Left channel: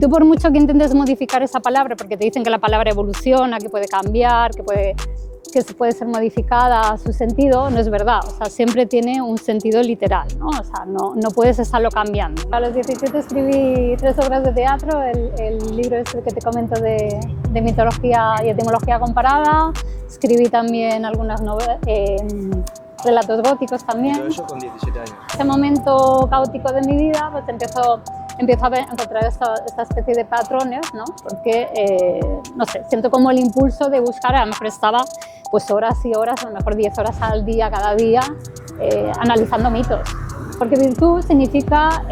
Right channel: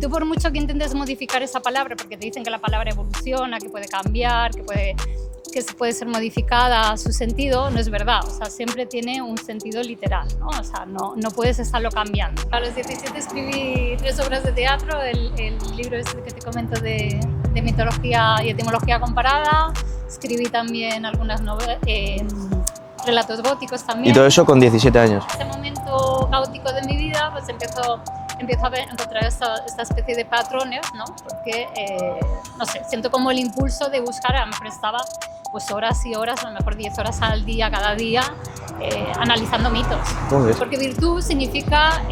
tú por mucho que intentes modificar esa palabra, porque te dicen que la palabra evoluciona, que puede cambiar, que se puede ser modificada su sentido, no es verdad. O sea, siempre tiene un sentido literal, ¿no? O sea, no puedes estarlo cambiando. A los 17 escribí 3 obras de teatro, el libro este que te comento de mitología y etimología comparada. Escribí también algunas relatos góticos también. ¿Y todo eso con 17 años? En este momento caótico de mi vida, pues empiezo a encontrar esta especie de patrones, ¿no? Porque, no sé, siento como el impulso de buscar, me prestaba pues horas y horas, a lo mejor 10 horas al día, cada día, analizando mitos. Porque virtud significa,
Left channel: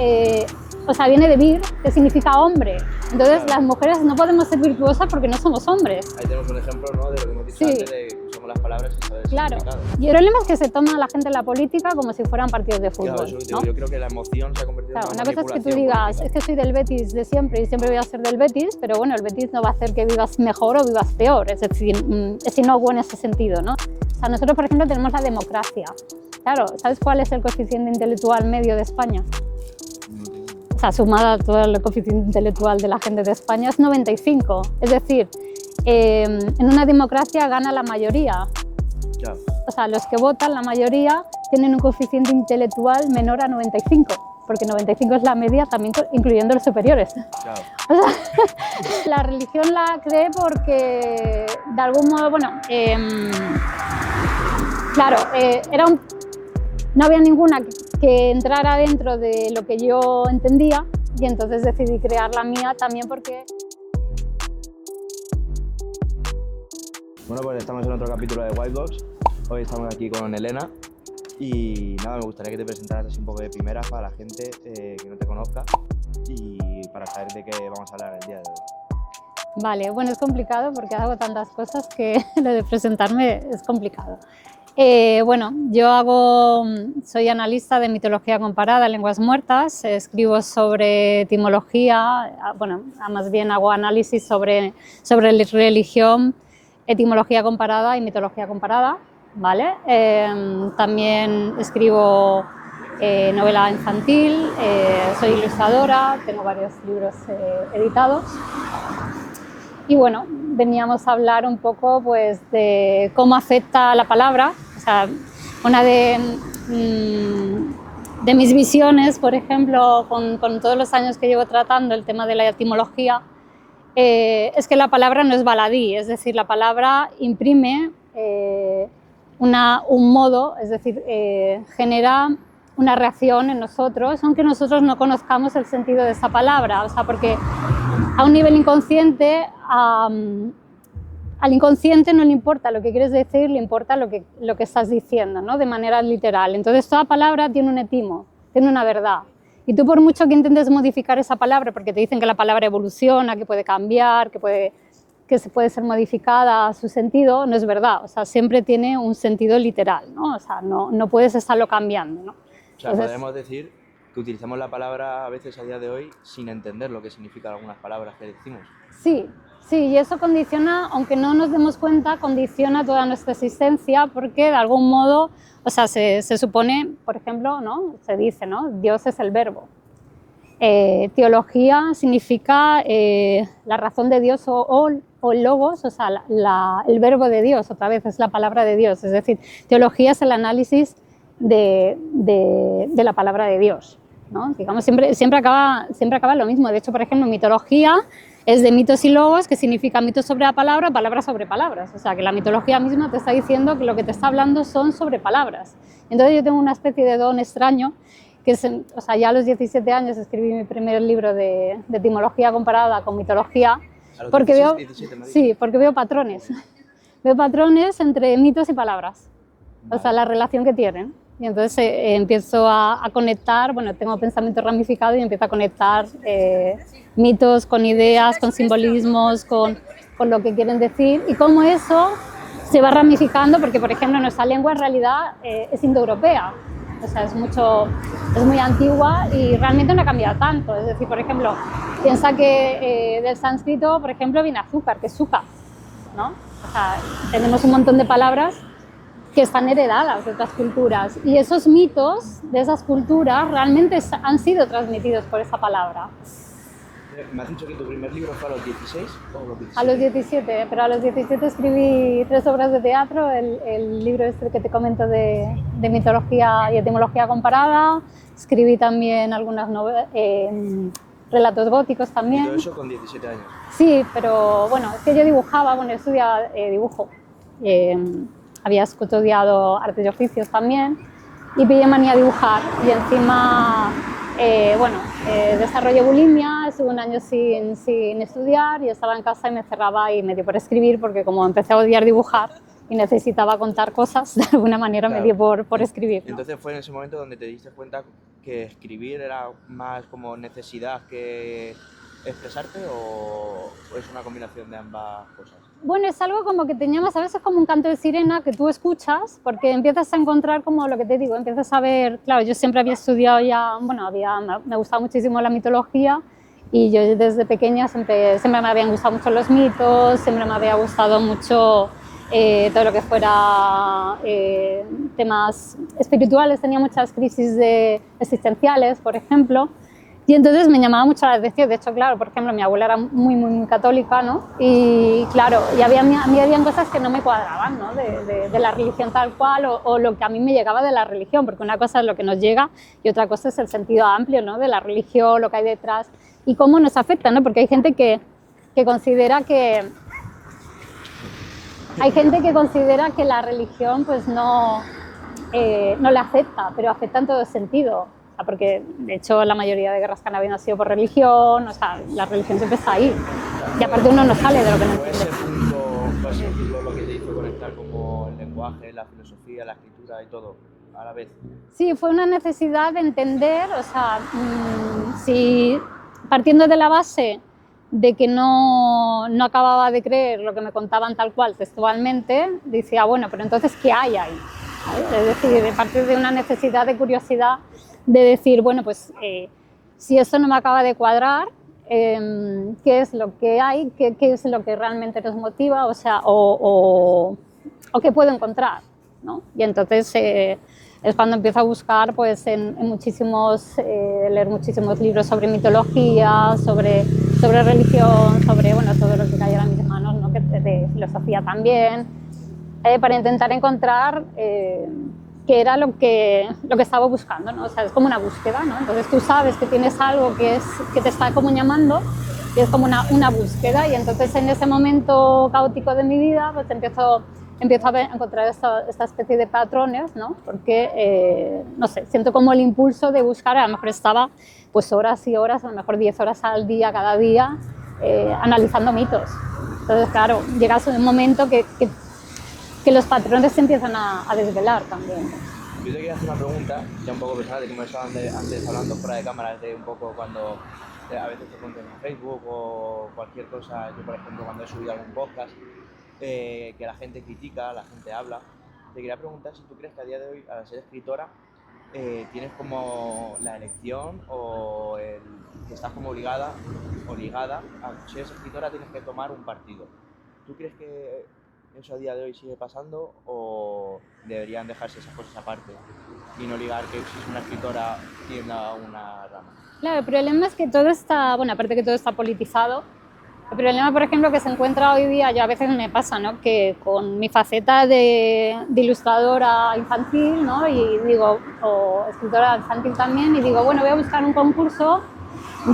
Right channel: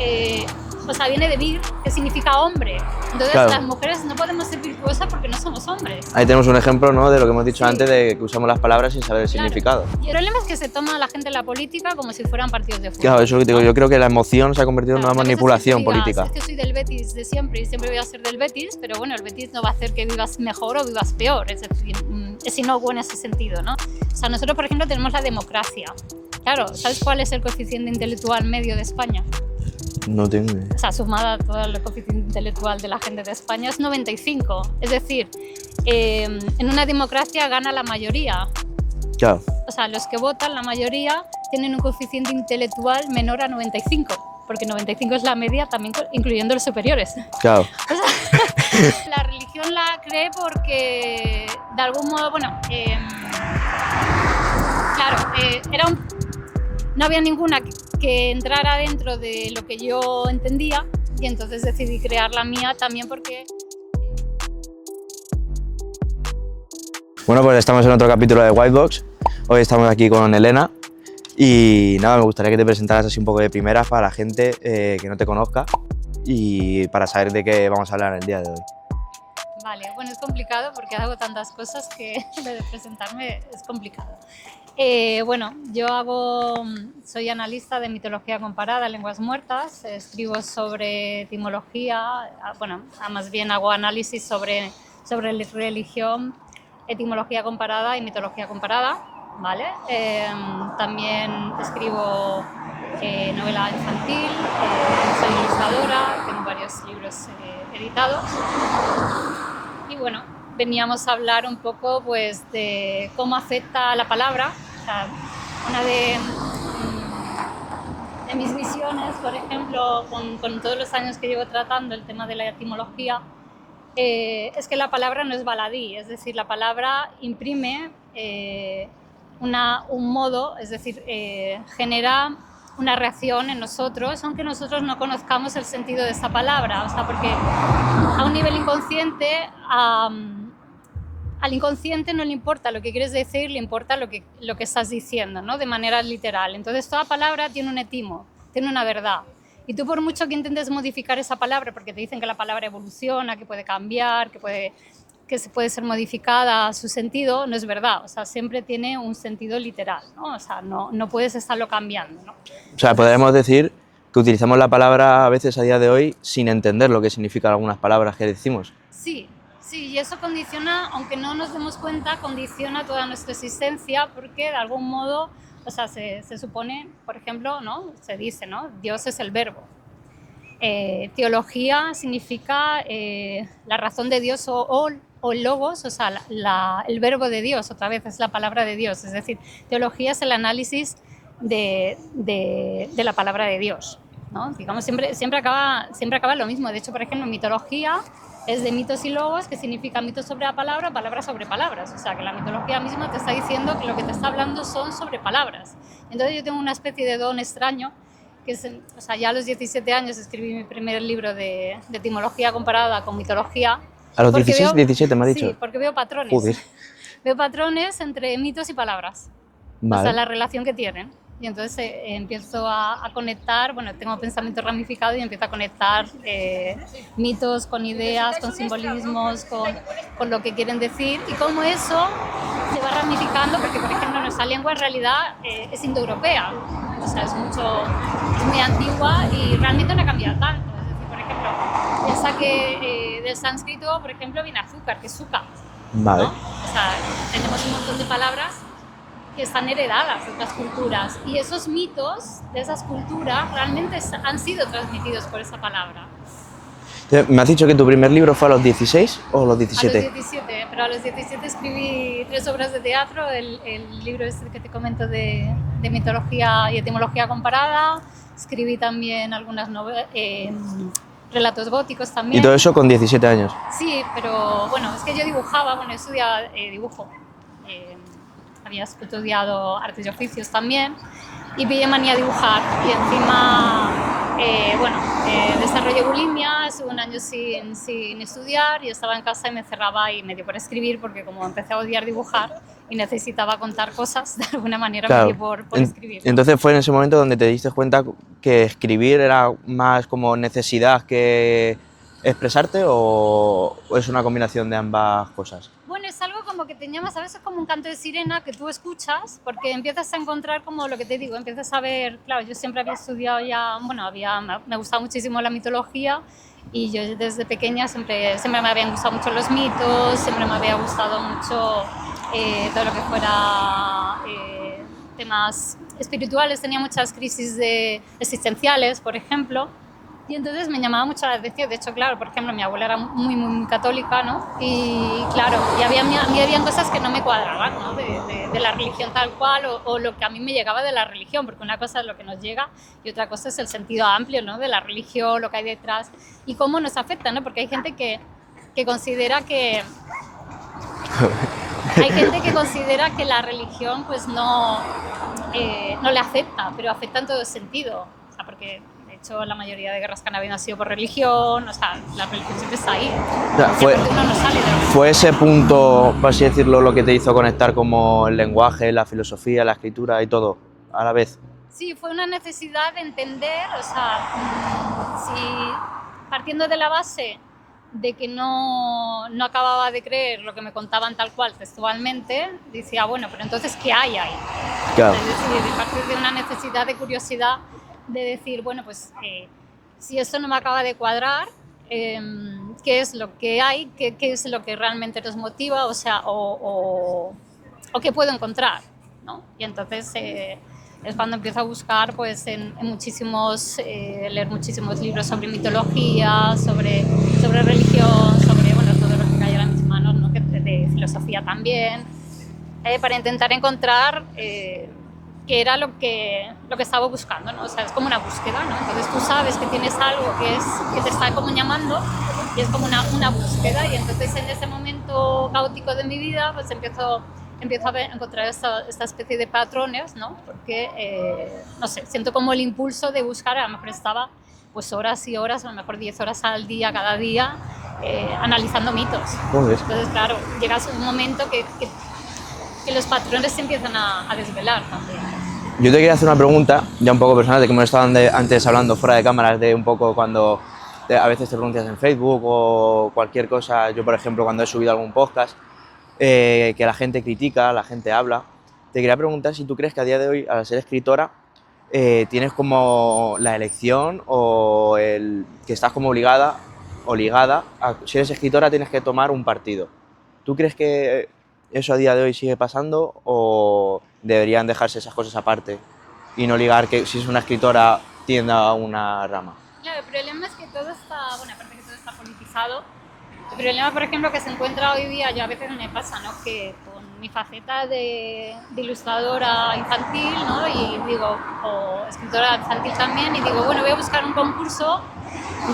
o sea, viene de vir, que significa hombre. Entonces, claro, las mujeres no podemos ser virtuosas porque no somos hombres. Ahí tenemos un ejemplo, ¿no?, de lo que hemos dicho antes, de que usamos las palabras sin saber el significado. Y el problema es que se toma a la gente en la política como si fueran partidos de fútbol. Claro, eso digo, yo creo que la emoción se ha convertido en una manipulación política. Es que soy del Betis de siempre y siempre voy a ser del Betis, pero bueno, el Betis no va a hacer que vivas mejor o vivas peor, es decir, es inocuo en ese sentido, ¿no? O sea, nosotros, por ejemplo, tenemos la democracia. Claro, ¿sabes cuál es el coeficiente intelectual medio de España? No tengo idea. O sea, sumada a todo el coeficiente intelectual de la gente de España es 95. Es decir, en una democracia gana la mayoría. Claro. O sea, los que votan, la mayoría, tienen un coeficiente intelectual menor a 95, porque 95 es la media, también incluyendo los superiores. Claro. O sea, la religión la cree porque, de algún modo, bueno, claro, no había ninguna que entrara dentro de lo que yo entendía y entonces decidí crear la mía también porque... Bueno, pues estamos en otro capítulo de Whitebox. Hoy estamos aquí con Elena y nada, me gustaría que te presentaras así un poco de primeras para la gente que no te conozca y para saber de qué vamos a hablar el día de hoy. Vale, bueno, es complicado porque hago tantas cosas que lo de presentarme es complicado. Bueno, soy analista de mitología comparada, lenguas muertas, escribo sobre etimología, bueno, más bien hago análisis sobre religión, etimología comparada y mitología comparada, ¿vale? También escribo novela infantil, soy ilustradora, tengo varios libros editados. Y bueno, veníamos a hablar un poco pues, de cómo afecta la palabra. O sea, una de mis visiones, por ejemplo, con todos los años que llevo tratando el tema de la etimología, es que la palabra no es baladí, es decir, la palabra imprime un modo, es decir, genera una reacción en nosotros, aunque nosotros no conozcamos el sentido de esta palabra. O sea, porque a un nivel inconsciente, al inconsciente no le importa lo que quieres decir, le importa lo que estás diciendo, ¿no? De manera literal. Entonces, toda palabra tiene un etimo, tiene una verdad. Y tú por mucho que intentes modificar esa palabra, porque te dicen que la palabra evoluciona, que puede cambiar, que se puede ser modificada su sentido, no es verdad. O sea, siempre tiene un sentido literal, ¿no? O sea, no puedes estarlo cambiando, ¿no? O sea, podemos decir que utilizamos la palabra a veces a día de hoy sin entender lo que significan algunas palabras que decimos. Sí, y eso condiciona, aunque no nos demos cuenta, condiciona toda nuestra existencia porque de algún modo, o sea, se supone, por ejemplo, ¿no? Se dice, ¿no? Dios es el verbo. Teología significa la razón de Dios o logos, o sea, el verbo de Dios, otra vez es la palabra de Dios. Es decir, teología es el análisis de la palabra de Dios, ¿no? Digamos, siempre acaba lo mismo. De hecho, por ejemplo, mitología es de mitos y logos, que significa mitos sobre la palabra, palabras sobre palabras. O sea, que la mitología misma te está diciendo que lo que te está hablando son sobre palabras. Entonces yo tengo una especie de don extraño, que es, o sea, ya a los 17 años escribí mi primer libro de etimología comparada con mitología. ¿A los 16, 17 me has dicho? Sí, porque veo patrones. Joder. Veo patrones entre mitos y palabras. Vale. O sea, la relación que tienen. Y entonces empiezo a conectar, bueno, tengo pensamiento ramificado y empiezo a conectar mitos con ideas, con simbolismos, con lo que quieren decir y cómo eso se va ramificando, porque por ejemplo nuestra lengua en realidad es indoeuropea, o sea, es muy antigua y realmente no ha cambiado tanto. Es decir, por ejemplo, piensa que del sánscrito, por ejemplo, viene azúcar, que es sukha, Vale. ¿no? O sea, tenemos un montón de palabras que están heredadas de otras culturas y esos mitos de esas culturas realmente han sido transmitidos por esa palabra. ¿Me has dicho que tu primer libro fue a los 16 o a los A 17? los 17, pero a los 17 escribí 3 obras de teatro, el libro este que te comento de mitología y etimología comparada, escribí también algunas relatos góticos también. Y todo eso con 17 años. Sí, pero bueno, es que yo dibujaba, bueno, yo estudiaba dibujo, había estudiado artes y oficios también y pillé manía a dibujar y encima, desarrollé bulimia, estuve un año sin estudiar y estaba en casa y me cerraba y me dio por escribir porque como empecé a odiar dibujar y necesitaba contar cosas, de alguna manera me dio por escribir. Entonces fue en ese momento donde te diste cuenta que escribir era más como necesidad que expresarte o es una combinación de ambas cosas. Bueno, es algo como que te llamas, a veces como un canto de sirena que tú escuchas porque empiezas a encontrar como lo que te digo, empiezas a ver, claro, yo siempre había estudiado ya, bueno, me gustaba muchísimo la mitología y yo desde pequeña siempre me habían gustado mucho los mitos, siempre me había gustado mucho todo lo que fuera temas espirituales, tenía muchas crisis existenciales, por ejemplo. Y entonces me llamaba mucho la atención, de hecho, claro, por ejemplo, mi abuela era muy católica, ¿no? Y claro, y a mí habían cosas que no me cuadraban, ¿no? De la religión tal cual o lo que a mí me llegaba de la religión, porque una cosa es lo que nos llega y otra cosa es el sentido amplio, ¿no? De la religión, lo que hay detrás y cómo nos afecta, ¿no? Porque hay gente que considera que... Hay gente que considera que la religión pues no le afecta, pero afecta en todo sentido. Porque de hecho la mayoría de guerras que han habido han sido por religión, o sea, la religión siempre está ahí. Aparte uno no sale de lo que no. ¿Fue ese punto, por así decirlo, lo que te hizo conectar como el lenguaje, la filosofía, la escritura y todo a la vez? Sí, fue una necesidad de entender, o sea, si partiendo de la base de que no acababa de creer lo que me contaban tal cual textualmente, decía, bueno, pero entonces, ¿qué hay ahí? Claro. Es decir, de partir de una necesidad de curiosidad de decir, bueno, pues si esto no me acaba de cuadrar, ¿qué es lo que hay? ¿Qué es lo que realmente nos motiva? O sea, o qué puedo encontrar, ¿no? Y entonces es cuando empiezo a buscar, pues, leer muchísimos libros sobre mitología, sobre religión, sobre, bueno, todo lo que cayera en mis manos, ¿no? De filosofía también, para intentar encontrar qué era lo que estaba buscando, ¿no? O sea, es como una búsqueda, ¿no? Entonces tú sabes que tienes algo que te está como llamando y es como una búsqueda y entonces en ese momento caótico de mi vida pues empiezo a encontrar esta especie de patrones, ¿no? Porque, no sé, siento como el impulso de buscar, a lo mejor estaba pues horas y horas, a lo mejor 10 horas al día, cada día, analizando mitos. Entonces, claro, llegas a un momento que los patrones se empiezan a desvelar también. Yo te quería hacer una pregunta, ya un poco personal, de que hemos estado antes hablando fuera de cámaras, de un poco cuando a veces te pronuncias en Facebook o cualquier cosa. Yo, por ejemplo, cuando he subido algún podcast, que la gente critica, la gente habla. Te quería preguntar si tú crees que a día de hoy, al ser escritora, tienes como la elección o que estás como obligada o ligada a, si eres escritora, tienes que tomar un partido. ¿Tú crees que eso a día de hoy sigue pasando o deberían dejarse esas cosas aparte y no ligar que si es una escritora tienda a una rama? Claro, el problema es que todo está, bueno, aparte que todo está politizado, el problema, por ejemplo, que se encuentra hoy día, yo a veces me pasa, ¿no? Que con mi faceta de ilustradora infantil, ¿no? Y digo, o escritora infantil también, y digo, bueno, voy a buscar un concurso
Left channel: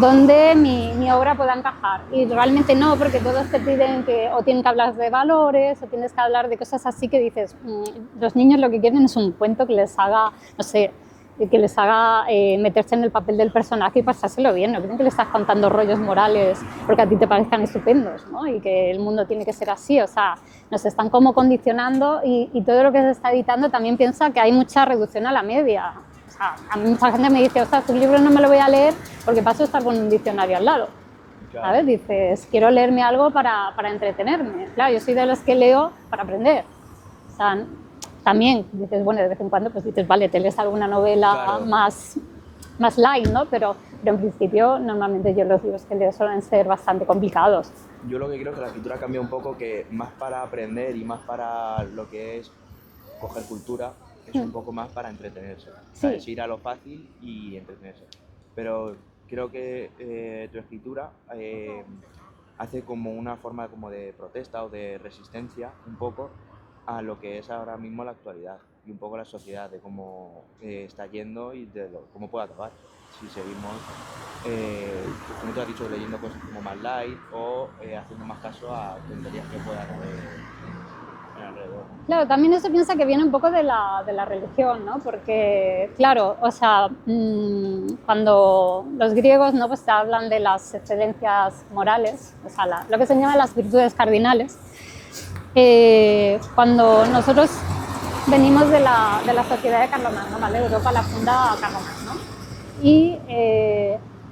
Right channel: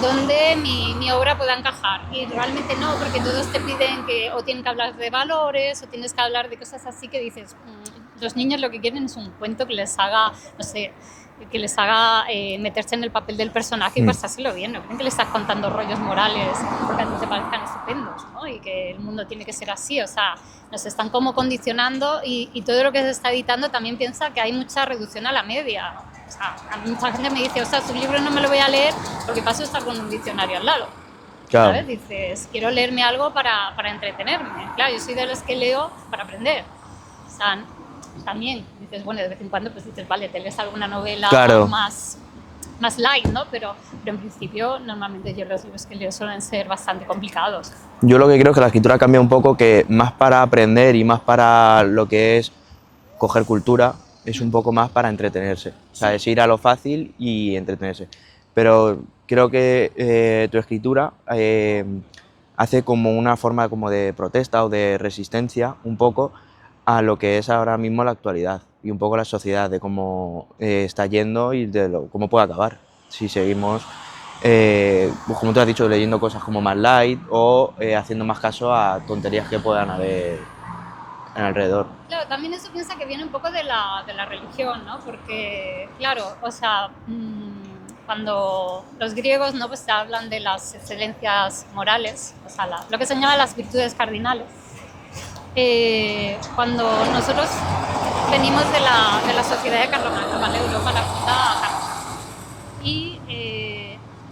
donde mi obra pueda encajar. Y realmente no, porque todos te piden que o tienen que hablar de valores o tienes que hablar de cosas así que dices, los niños lo que quieren es un cuento que les haga, no sé, que les haga meterse en el papel del personaje y pasárselo bien. No creen que le estás contando rollos morales porque a ti te parezcan estupendos, ¿no? Y que el mundo tiene que ser así. O sea, nos están como condicionando y todo lo que se está editando también piensa que hay mucha reducción a la media. O sea, a mí mucha gente me dice, o sea, su libro no me lo voy a leer porque paso a estar con un diccionario al lado. Claro. ¿Sabes? Dices, quiero leerme algo para entretenerme. Claro, yo soy de los que leo para aprender. O sea, también dices, bueno, de vez en cuando pues dices, vale, te lees alguna novela claro. más light, ¿no? Pero en principio, normalmente yo los libros que leo suelen ser bastante complicados. Yo lo que creo es que la escritura cambia un poco, que más para aprender y más para lo que es coger cultura, es un poco más para entretenerse. O sea, es ir a lo fácil y entretenerse. pero creo que tu escritura hace como una forma como de protesta o de resistencia un poco a lo que es ahora mismo la actualidad y un poco la sociedad, de cómo está yendo y de cómo puede acabar si seguimos, pues como tú has dicho, leyendo cosas como más light o haciendo más caso a tonterías que puedan haber en alrededor. Claro, también eso piensa que viene un poco de la religión, ¿no? Porque, claro, o sea, cuando los griegos, ¿no? Pues te hablan de las excelencias morales, o sea, lo que se llama las virtudes cardinales. Cuando nosotros venimos de la sociedad de Carlomagno, ¿vale? Europa la funda Carlomagno. Y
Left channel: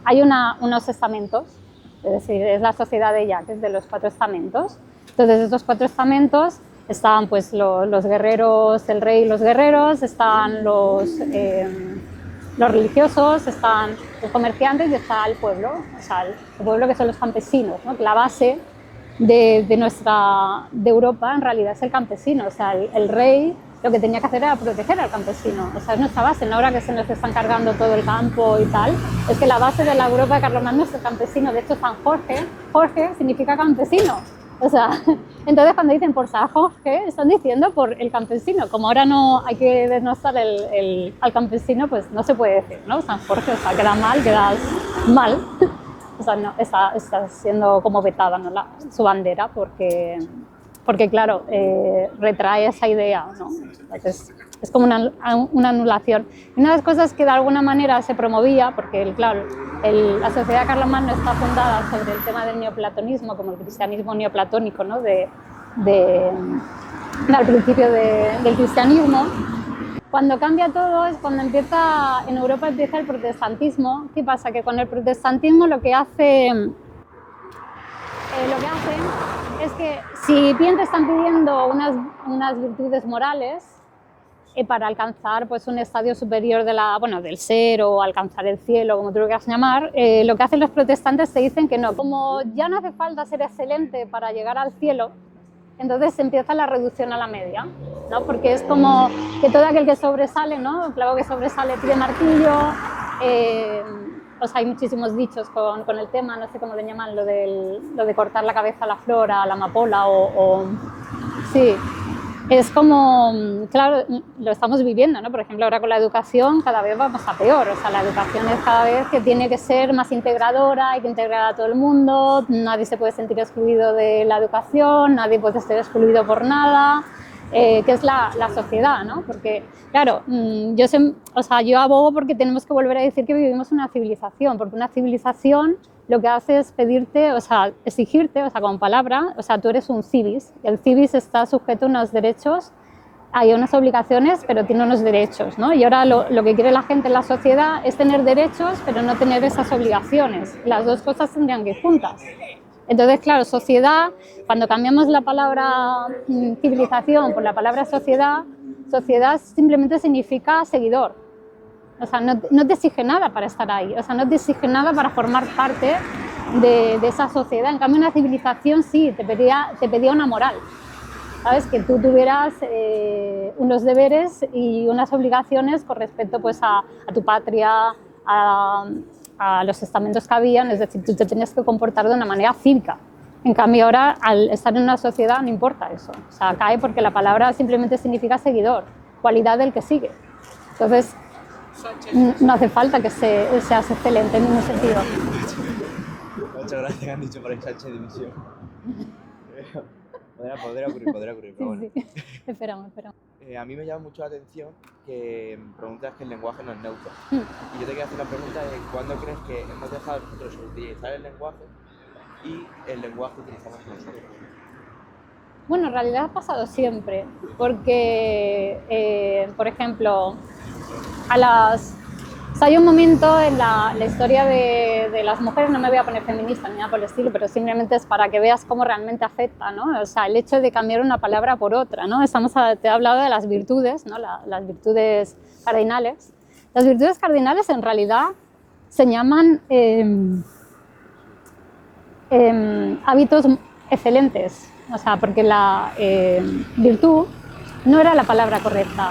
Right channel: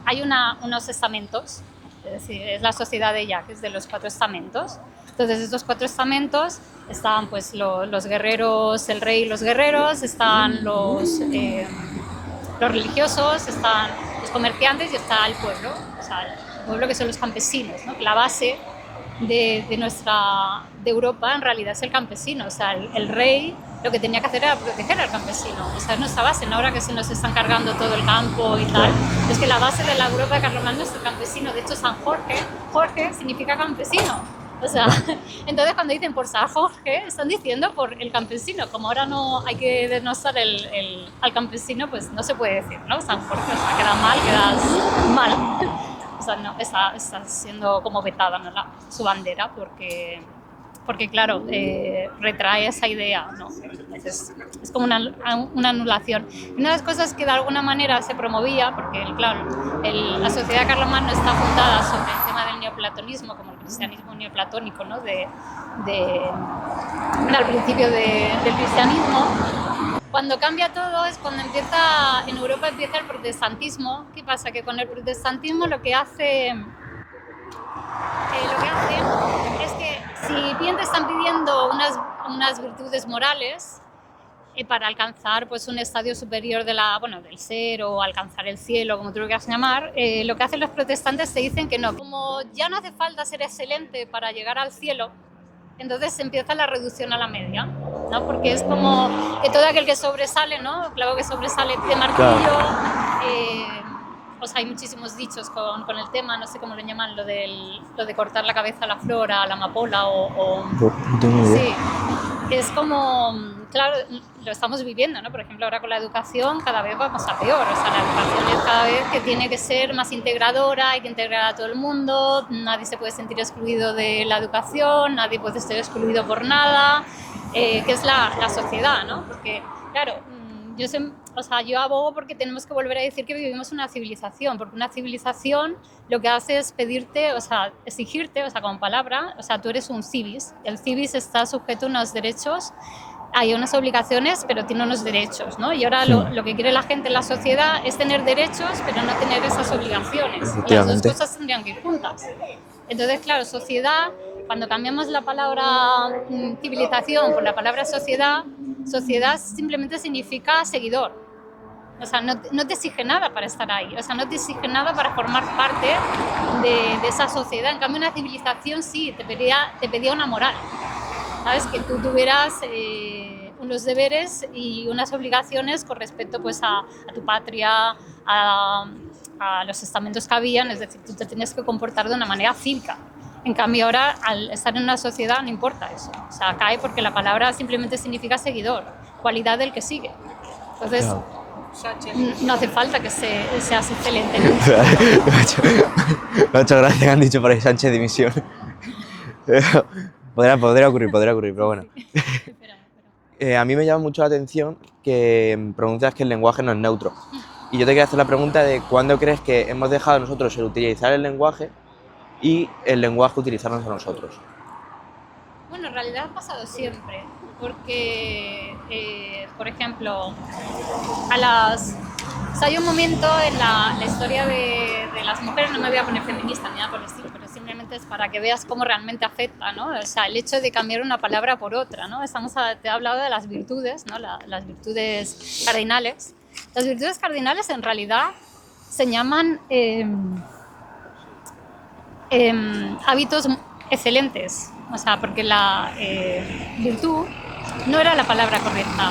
hay unos estamentos, es decir, es la sociedad de Jacques, de los 4 estamentos. Entonces, estos 4 estamentos estaban pues los guerreros, el rey y los guerreros, están los religiosos, están los comerciantes y está el pueblo, o sea, el pueblo que son los campesinos, ¿no? Que la base de Europa en realidad es el campesino, o sea, el rey lo que tenía que hacer era proteger al campesino, o sea, es nuestra base, ¿no? Ahora que se nos están cargando todo el campo y tal, es que la base de la Europa de Carlomagno es el campesino. De hecho, San Jorge significa campesino. O sea, entonces cuando dicen por San Jorge, están diciendo por el campesino. Como ahora no hay que denostar al campesino, pues no se puede decir, ¿no? San Jorge, o sea, quedas mal. O sea, no, está siendo como vetada, ¿no? Su bandera, porque claro, retrae esa idea, ¿no? Entonces, es como una anulación. Una de las cosas que de alguna manera se promovía, porque claro, la sociedad de Carlomagno está fundada sobre el tema del neoplatonismo, como el cristianismo neoplatónico, ¿no? Al principio del cristianismo. Cuando cambia todo es cuando en Europa empieza el protestantismo. ¿Qué pasa? Que con el protestantismo lo que hace es que si bien te están pidiendo unas virtudes morales para alcanzar pues, un estadio superior del ser o alcanzar el cielo, como tú lo quieras llamar, lo que hacen los protestantes te dicen que no. Como ya no hace falta ser excelente para llegar al cielo, entonces empieza la reducción a la media, ¿no? Porque es como que todo aquel que sobresale, ¿no? El clavo que sobresale pide martillo. O sea, hay muchísimos dichos con el tema, no sé cómo lo llaman, lo de cortar la cabeza a la flor, a la amapola Sí, es como, claro, lo estamos viviendo, ¿no? Por ejemplo, ahora con la educación cada vez vamos a peor, o sea, la educación es cada vez que tiene que ser más integradora, hay que integrar a todo el mundo, nadie se puede sentir excluido de la educación, nadie puede ser excluido por nada, que es la sociedad, ¿no? Porque, claro, yo abogo porque tenemos que volver a decir que vivimos una civilización, porque una civilización lo que hace es pedirte, o sea, exigirte, o sea, con palabra, o sea, tú eres un civis, y el civis está sujeto a unos derechos, hay unas obligaciones, pero tiene unos derechos, ¿no? Y ahora lo que quiere la gente en la sociedad es tener derechos, pero no tener esas obligaciones. Las dos cosas tendrían que ir juntas. Entonces, claro, sociedad, cuando cambiamos la palabra civilización por la palabra sociedad, sociedad simplemente significa seguidor. O sea, no te exige nada para estar ahí, o sea, no te exige nada para formar parte de esa sociedad. En cambio, una civilización sí, te pedía una moral, ¿sabes? Que tú tuvieras unos deberes y unas obligaciones con respecto pues, a tu patria, a los estamentos que habían, es decir, tú te tenías que comportar de una manera cívica. En cambio, ahora, al estar en una sociedad, no importa eso. O sea, cae porque la palabra simplemente significa seguidor, cualidad del que sigue. Entonces, no hace falta que seas excelente en ese sentido. Me ha hecho gracia que han dicho por ahí Sánchez dimisión. Podría ocurrir, pero bueno. Sí. Esperamos. A mí me llama mucho la atención que pronuncias que el lenguaje no es neutro. Y yo te quería hacer la pregunta de cuándo crees que hemos dejado nosotros el utilizar el lenguaje y el lenguaje utilizarnos a nosotros. Bueno, en realidad ha pasado siempre, porque, por ejemplo, hay un momento en la historia de las mujeres, no me voy a poner feminista ni nada por el estilo, pero simplemente es para que veas cómo realmente afecta, ¿no? O sea, el hecho de cambiar una palabra por otra, ¿no? Te he hablado de las virtudes, ¿no? Las virtudes cardinales. Las virtudes cardinales en realidad se llaman hábitos excelentes, o sea, porque la virtud no era la palabra correcta.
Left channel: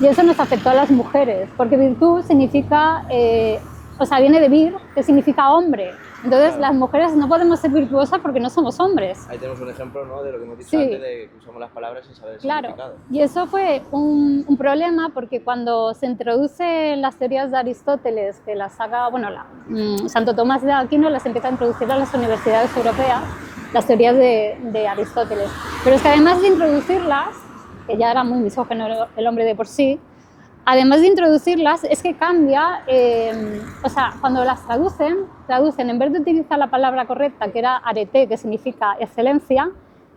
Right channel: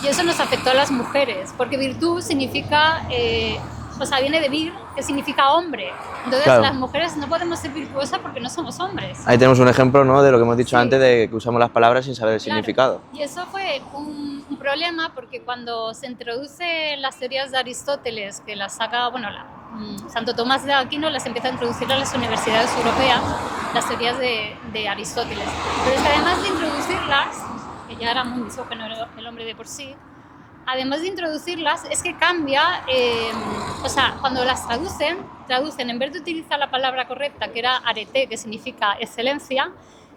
Y eso nos afectó a las mujeres, porque virtud significa o sea, viene de vir, que significa hombre. Entonces Claro. las mujeres no podemos ser virtuosas porque no somos hombres. Ahí tenemos un ejemplo, ¿no?, de lo que hemos dicho Sí. antes, de que usamos las palabras sin saber el Claro. significado. Y eso fue un problema porque cuando se introduce las teorías de Aristóteles, que las saca, bueno, Santo Tomás de Aquino las empieza a introducir a las universidades europeas, las teorías de Aristóteles. Pero es que además de introducirlas, que ya era muy misógino el hombre de por sí, además de introducirlas, es que cambia, o sea, cuando las traducen, en vez de utilizar la palabra correcta, que era arete, que significa excelencia,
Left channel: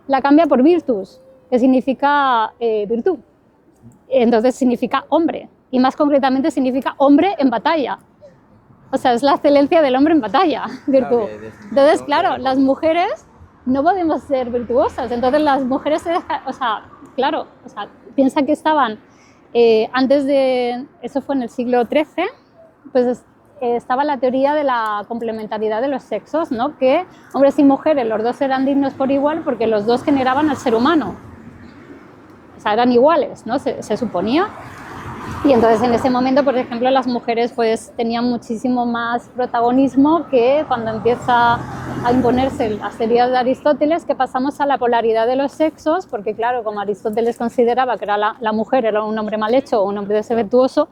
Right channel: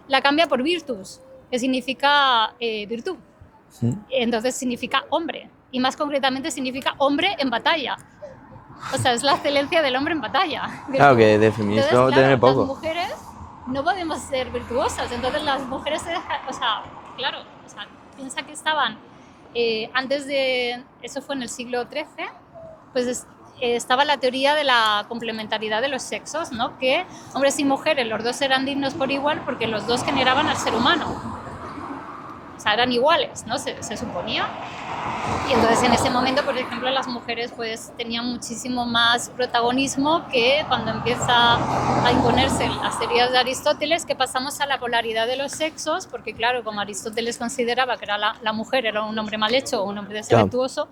la cambia por virtus, que significa virtud. Entonces significa hombre, y más concretamente significa hombre en batalla. O sea, es la excelencia del hombre en batalla. Claro, virtud. que de feminismo Entonces, claro, tiene poco. las mujeres no podemos ser virtuosas. Entonces las mujeres se dejan, o sea, claro, o sea, piensa que estaban antes de, eso fue en el siglo XIII, pues estaba la teoría de la complementariedad de los sexos, ¿no? Que hombres y mujeres, los dos eran dignos por igual porque los dos generaban al ser humano. O sea, eran iguales, ¿no? Se suponía. Y entonces en ese momento, por ejemplo, las mujeres pues tenían muchísimo más protagonismo que cuando empieza a imponerse las teorías de Aristóteles, que pasamos a la polaridad de los sexos, porque claro, como Aristóteles consideraba que era la mujer era un hombre mal hecho o un hombre desvirtuoso,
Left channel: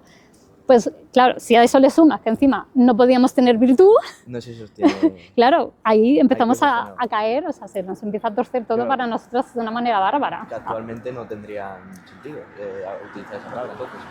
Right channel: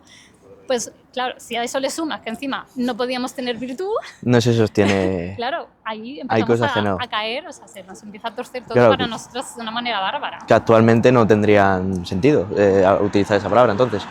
pues claro, si a eso le sumas que encima no podíamos tener virtud, No se sostiene. claro, ahí empezamos cosas que no. a caer, o sea, se nos empieza a torcer todo Claro, para nosotros de una manera bárbara. Que actualmente no tendrían sentido utilizar esa palabra, entonces.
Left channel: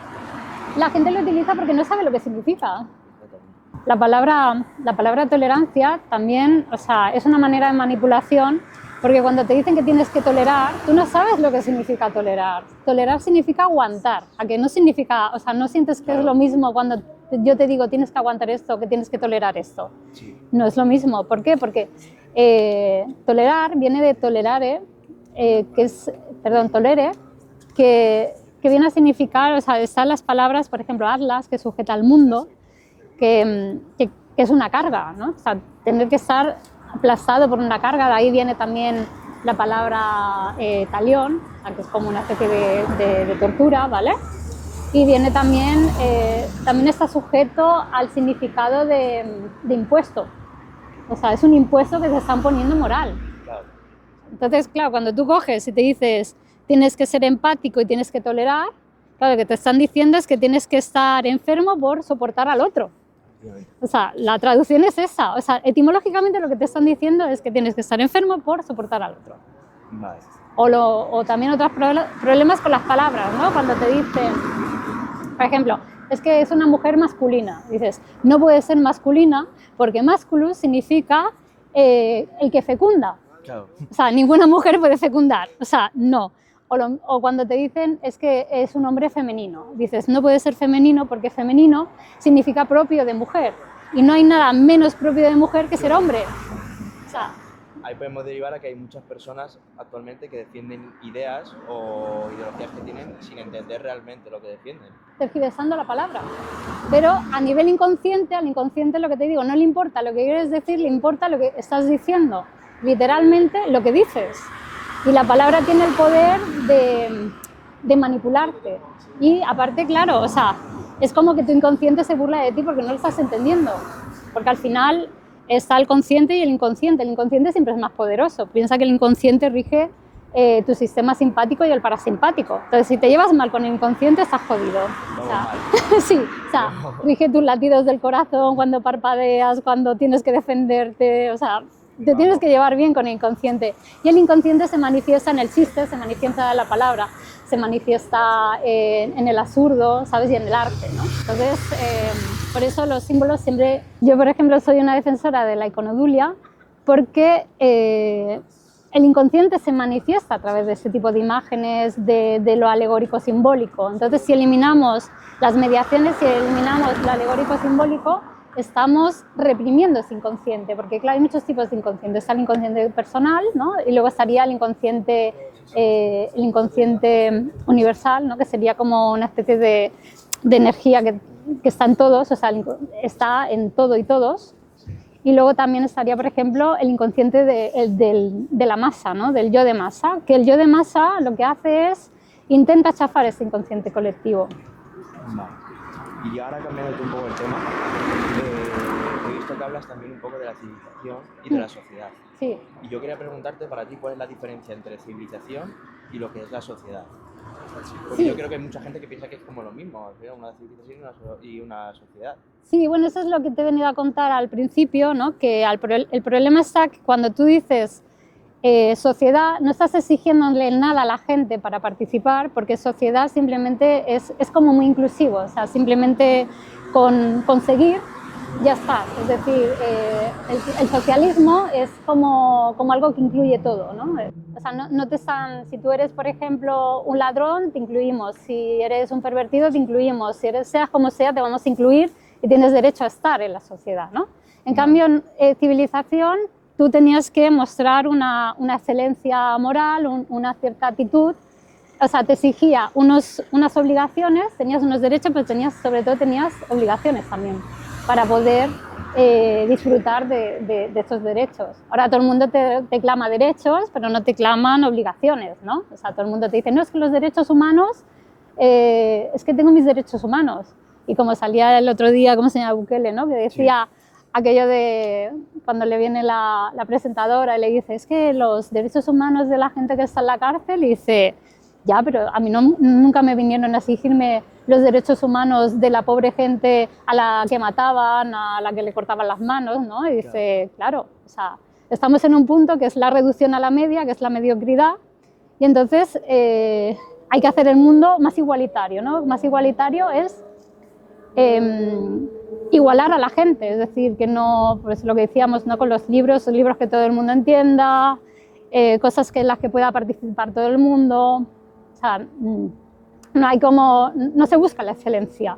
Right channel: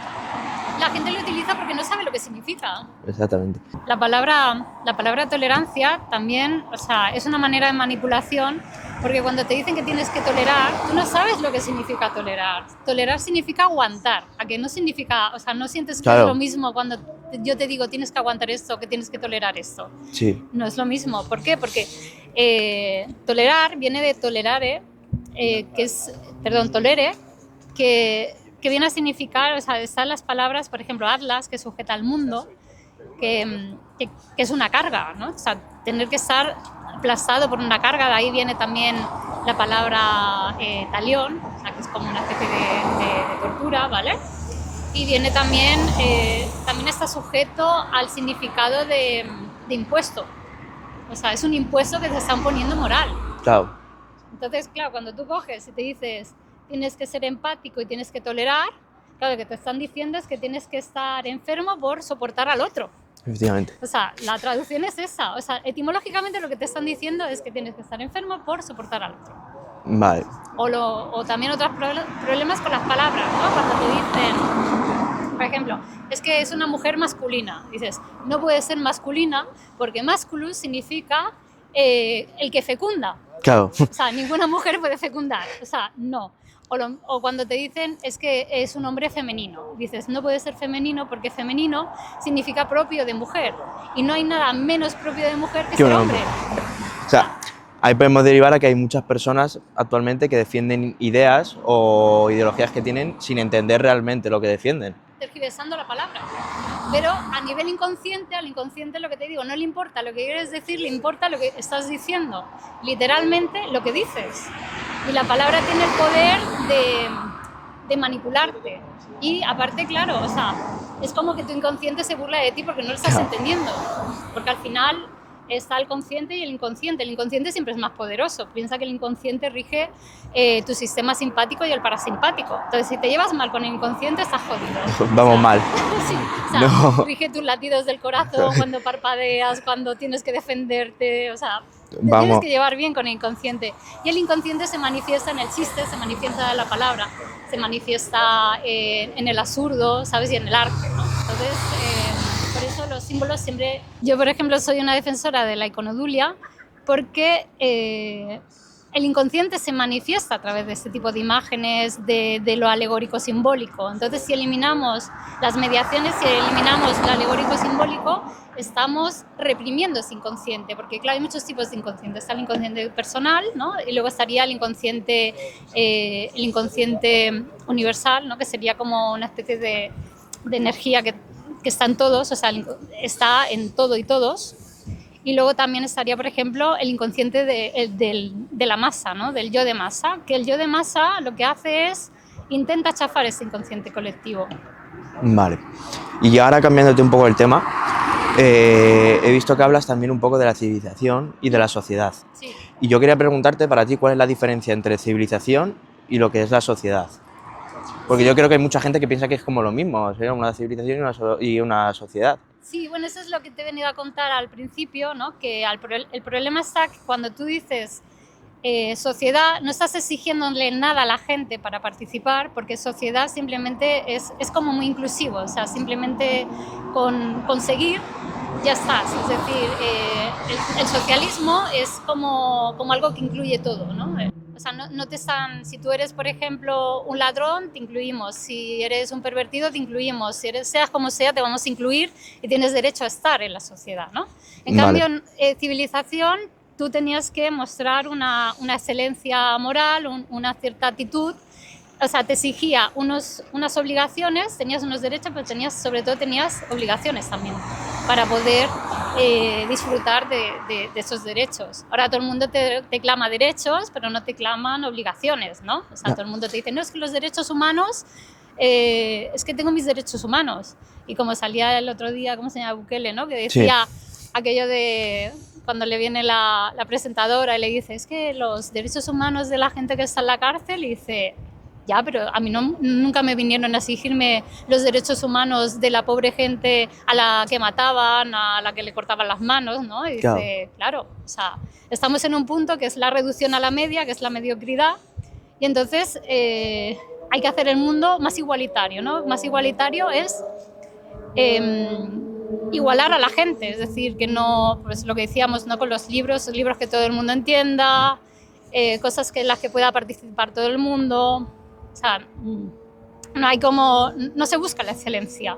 La gente lo utiliza porque no sabe lo que significa. Exactamente. La palabra tolerancia también, o sea, es una manera de manipulación, porque cuando te dicen que tienes que tolerar, tú no sabes lo que significa tolerar. Tolerar significa aguantar, a que no significa, o sea, no sientes que Claro. es lo mismo cuando yo te digo tienes que aguantar esto, que tienes que tolerar esto. Sí. No es lo mismo. ¿Por qué? Porque tolerar viene de tolerare, que es, perdón, tolere, que viene a significar, o sea, están las palabras, por ejemplo, atlas, que sujeta al mundo, que es una carga, ¿no? O sea, tener que estar aplastado por una carga, de ahí viene también la palabra talión, o sea, que es como una especie de tortura, ¿vale? Y viene también, también está sujeto al significado de impuesto, o sea, es un impuesto que te están poniendo moral. Claro. Entonces, claro, cuando tú coges y te dices tienes que ser empático y tienes que tolerar, claro, lo que te están diciendo es que tienes que estar enfermo por soportar al otro. Efectivamente. O sea, la traducción es esa. O sea, etimológicamente lo que te están diciendo es que tienes que estar enfermo por soportar al otro. Vale. O también otros problemas con las palabras, ¿no? Cuando te dicen, por ejemplo, es que es una mujer masculina. Dices, no puede ser masculina porque masculus significa el que fecunda. Claro. O sea, ninguna mujer puede fecundar. O sea, no. O cuando te dicen es que es un hombre femenino. Dices, no puede ser femenino porque femenino significa propio de mujer. Y no hay nada menos propio de mujer que ser hombre. O sea, ahí podemos derivar a que hay muchas personas actualmente que defienden ideas o ideologías que tienen sin entender realmente lo que defienden. Tergiversando la palabra. Pero a nivel inconsciente, al inconsciente lo que te digo, no le importa lo que quieres decir, le importa lo que estás diciendo. Literalmente lo que dices. Y la palabra tiene el poder de manipularte. Y aparte, claro, o sea, es como que tu inconsciente se burla de ti porque no lo estás entendiendo. Porque al final está el consciente y el inconsciente. El inconsciente siempre es más poderoso. Piensa que el inconsciente rige tu sistema simpático y el parasimpático. Entonces, si te llevas mal con el inconsciente, estás jodido. Vamos mal. Sí, o sea, rige tus latidos del corazón cuando parpadeas, cuando tienes que defenderte, o sea, te tienes que llevar bien con el inconsciente. Y el inconsciente se manifiesta en el chiste, se manifiesta en la palabra, se manifiesta en el absurdo, ¿sabes? Y en el arte, ¿no? Entonces, por eso los símbolos siempre... Yo, por ejemplo, soy una defensora de la iconodulia porque el inconsciente se manifiesta a través de este tipo de imágenes, de lo alegórico simbólico. Entonces, si eliminamos las mediaciones, si eliminamos lo alegórico simbólico, estamos reprimiendo ese inconsciente, porque claro, hay muchos tipos de inconsciente. Está el inconsciente personal, ¿no? Y luego estaría el inconsciente universal, ¿no? Que sería como una especie de energía que está en todos, o sea, está en todo y todos. Y luego también estaría, por ejemplo, el inconsciente de la masa, ¿no? Del yo de masa, que el yo de masa lo que hace es intenta chafar ese inconsciente colectivo. Vale. Y ahora cambiándote un poco el tema, he visto que hablas también un poco de la civilización y de la sociedad. Sí. Y yo quería preguntarte para ti cuál es la diferencia entre civilización y lo que es la sociedad. Porque yo creo que hay mucha gente que piensa que es como lo mismo, o sea, una civilización y una sociedad. Sí, bueno, eso es lo que te he venido a contar al principio, ¿no? Que el problema está que cuando tú dices sociedad, no estás exigiéndole nada a la gente para participar, porque sociedad simplemente es como muy inclusivo, o sea, simplemente con conseguir ya estás. Es decir, el socialismo es como algo que incluye todo, ¿no? O sea, no te están, si tú eres, por ejemplo, un ladrón, te incluimos. Si eres un pervertido, te incluimos. Si eres, seas como sea, te vamos a incluir y tienes derecho a estar en la sociedad, ¿no? En cambio, civilización, tú tenías que mostrar una excelencia moral, una cierta actitud. O sea, te exigía unas obligaciones, tenías unos derechos, pero sobre todo tenías obligaciones también para poder disfrutar de esos derechos. Ahora todo el mundo te clama derechos, pero no te claman obligaciones, ¿no? O sea, todo el mundo te dice, no, es que los derechos humanos, es que tengo mis derechos humanos. Y como salía el otro día, ¿cómo se llama? Bukele, ¿no? Que decía aquello de cuando le viene la presentadora y le dice, es que los derechos humanos de la gente que está en la cárcel, y dice, ya, pero a mí nunca me vinieron a exigirme los derechos humanos de la pobre gente a la que mataban, a la que le cortaban las manos, ¿no? Y dice, claro, o sea, estamos en un punto que es la reducción a la media, que es la mediocridad, y entonces hay que hacer el mundo más igualitario, ¿no? Más igualitario es igualar a la gente, es decir, que no, pues lo que decíamos, no con los libros que todo el mundo entienda, cosas en las que pueda participar todo el mundo. O sea, no se busca la excelencia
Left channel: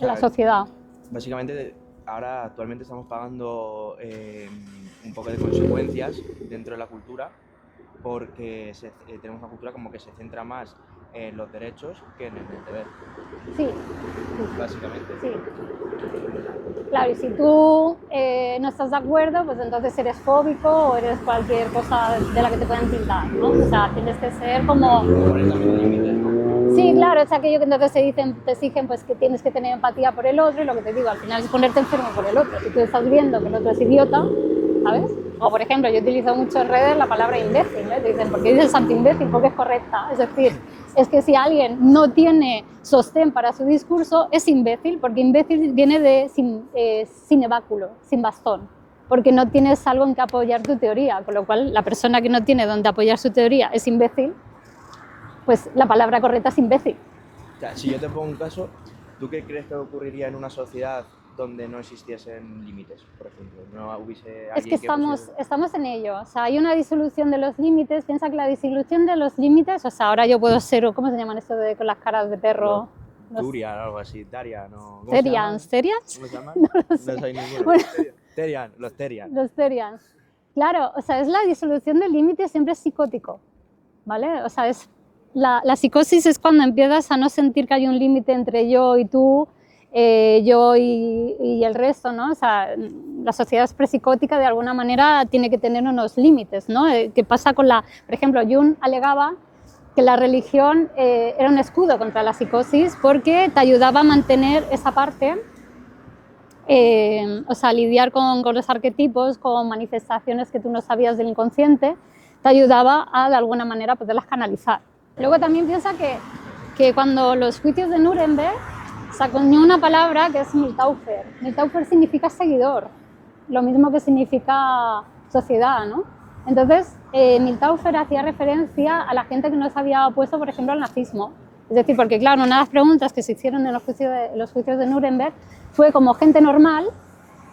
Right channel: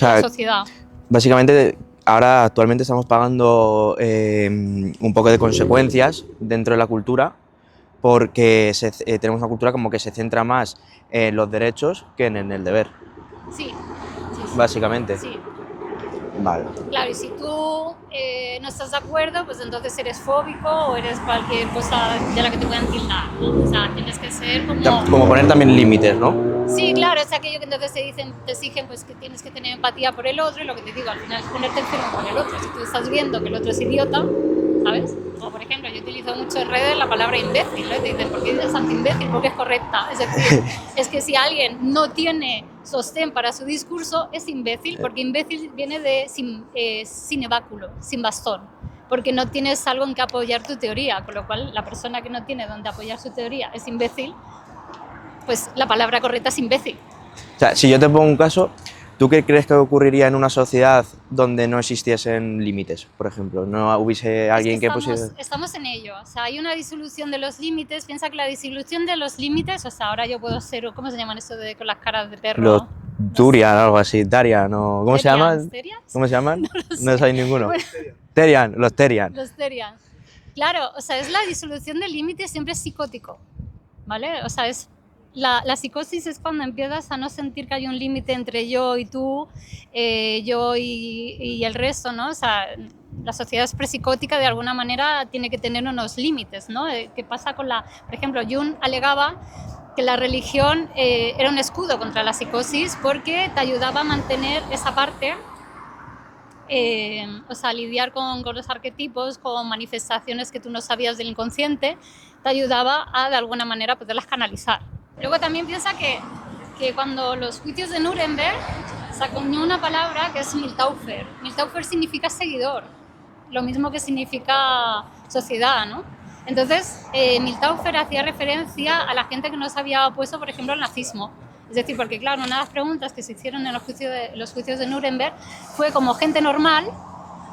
en la sociedad. Básicamente, ahora actualmente estamos pagando un poco de consecuencias dentro de la cultura porque tenemos una cultura como que se centra más en los derechos que en el deber. Sí. Básicamente. Sí. Vale. Claro, y si tú no estás de acuerdo, pues entonces eres fóbico o eres cualquier cosa de la que te puedan tildar, ¿no? O sea, tienes que ser como... Como poner también límites, ¿no? Sí, claro, es aquello que entonces te exigen pues, que tienes que tener empatía por el otro, y lo que te digo, al final es ponerte enfermo por el otro. Si tú estás viendo que el otro es idiota, ¿sabes? O, por ejemplo, yo utilizo mucho en redes la palabra imbécil, ¿no? Te dicen, ¿por qué dices anti-imbécil? Porque es correcta. Es decir, es que si alguien no tiene sostén para su discurso, es imbécil, porque imbécil viene de sin báculo, sin bastón, porque no tienes algo en que apoyar tu teoría, con lo cual la persona que no tiene donde apoyar su teoría es imbécil, pues la palabra correcta es imbécil. O sea, si yo te pongo un caso, ¿tú qué crees que ocurriría en una sociedad donde no existiesen límites, por ejemplo? ¿No hubiese alguien que pusiese...? Estamos en ello. O sea, hay una disolución de los límites. Piensa que la disolución de los límites, o sea, ahora yo puedo ser, ¿cómo se llaman esto de con las caras de perro? Los Turian, algo así, Tarian, ¿no? ¿Cómo se llaman? ¿Terians? ¿Cómo se llaman? No No sé ninguno. Bueno. Terian, los Terian. Los Terians. Claro, o sea, es la disolución del límite, siempre es psicótico, ¿vale? O sea, es la psicosis es cuando empiezas a no sentir que hay un límite entre yo y tú, yo y el resto, ¿no? O sea, la sociedad es prepsicótica, de alguna manera tiene que tener unos límites, ¿no? ¿Qué pasa con por ejemplo, Jung alegaba que la religión era un escudo contra la psicosis porque te ayudaba a mantener esa parte, o sea, lidiar con los arquetipos, con manifestaciones que tú no sabías del inconsciente, te ayudaba a, de alguna manera, poderlas canalizar. Luego también piensa que cuando los juicios de Nuremberg sacó una palabra que es Miltaufer. Miltaufer significa seguidor, lo mismo que significa sociedad, ¿no? Entonces, Miltaufer hacía referencia a la gente que no se había opuesto, por ejemplo, al nazismo. Es decir, porque claro, una de las preguntas que se hicieron en los juicios de Nuremberg fue como gente normal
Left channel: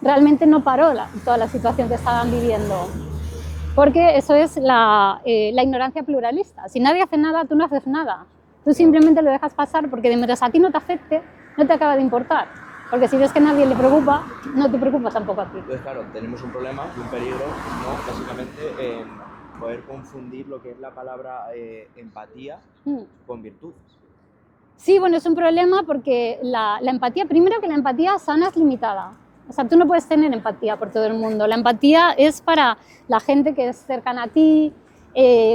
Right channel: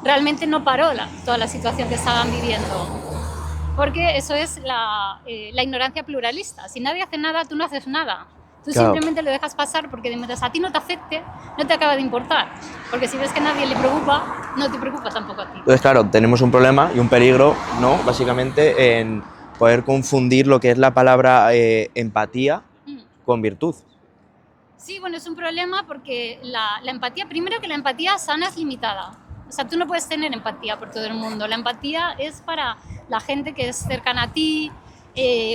realmente no paró toda la situación que estaban viviendo. Porque eso es la ignorancia pluralista. Si nadie hace nada, tú no haces nada. Tú simplemente lo dejas pasar porque mientras a ti no te afecte, no te acaba de importar. Porque si ves que a nadie le preocupa, no te preocupa tampoco a ti. Entonces, claro, tenemos un problema y un peligro, ¿no? Básicamente en poder confundir lo que es la palabra empatía con virtud. Sí, bueno, es un problema porque la empatía, primero que la empatía sana es limitada. O sea, tú no puedes tener empatía por todo el mundo. La empatía es para la gente que es cercana a ti,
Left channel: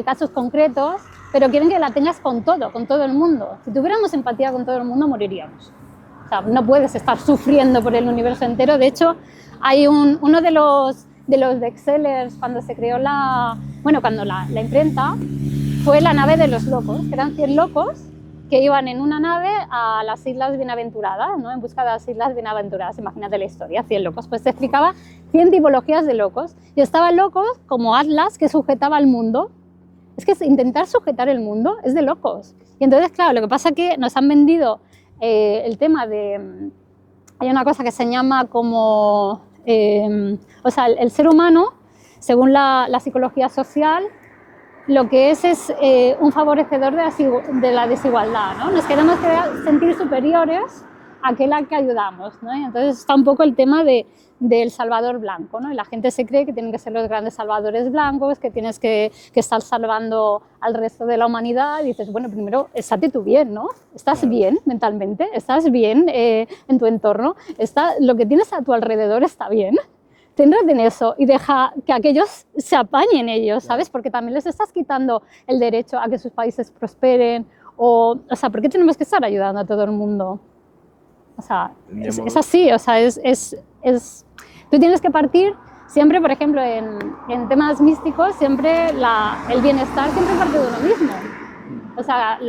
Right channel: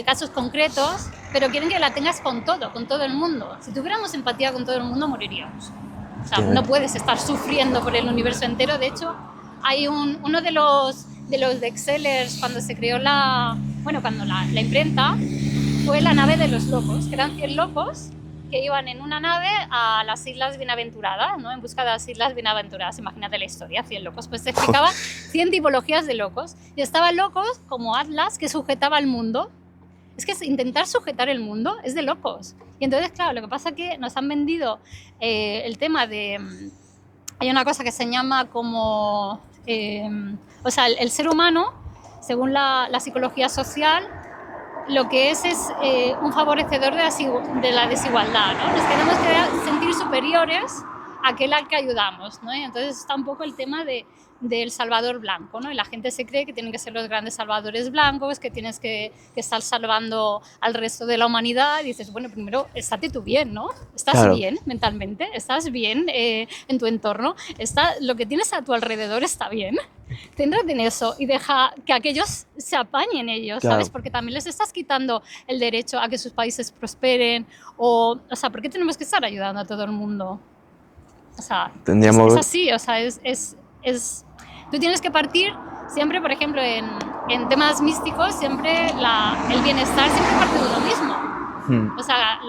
casos concretos, pero quieren que la tengas con todo el mundo. Si tuviéramos empatía con todo el mundo, moriríamos. O sea, no puedes estar sufriendo por el universo entero. De hecho, hay uno de los bestsellers cuando se creó cuando la imprenta, fue La nave de los locos, que eran 100 locos que iban en una nave a las Islas Bienaventuradas, ¿no? En busca de las Islas Bienaventuradas. Imagínate la historia, 100 locos. Pues te explicaba 100 tipologías de locos. Y estaban locos como Atlas, que sujetaba el mundo. Es que intentar sujetar el mundo es de locos. Y entonces, claro, lo que pasa es que nos han vendido el tema de... Hay una cosa que se llama como... o sea, el ser humano, según la psicología social, lo que es un favorecedor de la desigualdad, ¿no? Nos queremos sentir superiores a aquel al que ayudamos, ¿no? Y entonces está un poco el tema del salvador blanco, ¿no? Y la gente se cree que tienen que ser los grandes salvadores blancos, que tienes que estar salvando al resto de la humanidad, y dices, bueno, primero, estate tú bien, ¿no? ¿Estás Claro. bien mentalmente? ¿Estás bien en tu entorno? ¿Lo que tienes a tu alrededor está bien? Céntrate en eso y deja que aquellos se apañen ellos, Claro. ¿sabes? Porque también les estás quitando el derecho a que sus países prosperen. O sea, ¿por qué tenemos que estar ayudando a todo el mundo? O sea, Tendríamos- es así, o sea, tú tienes que partir siempre, por ejemplo, en temas místicos, siempre el bienestar siempre parte de uno mismo. O sea,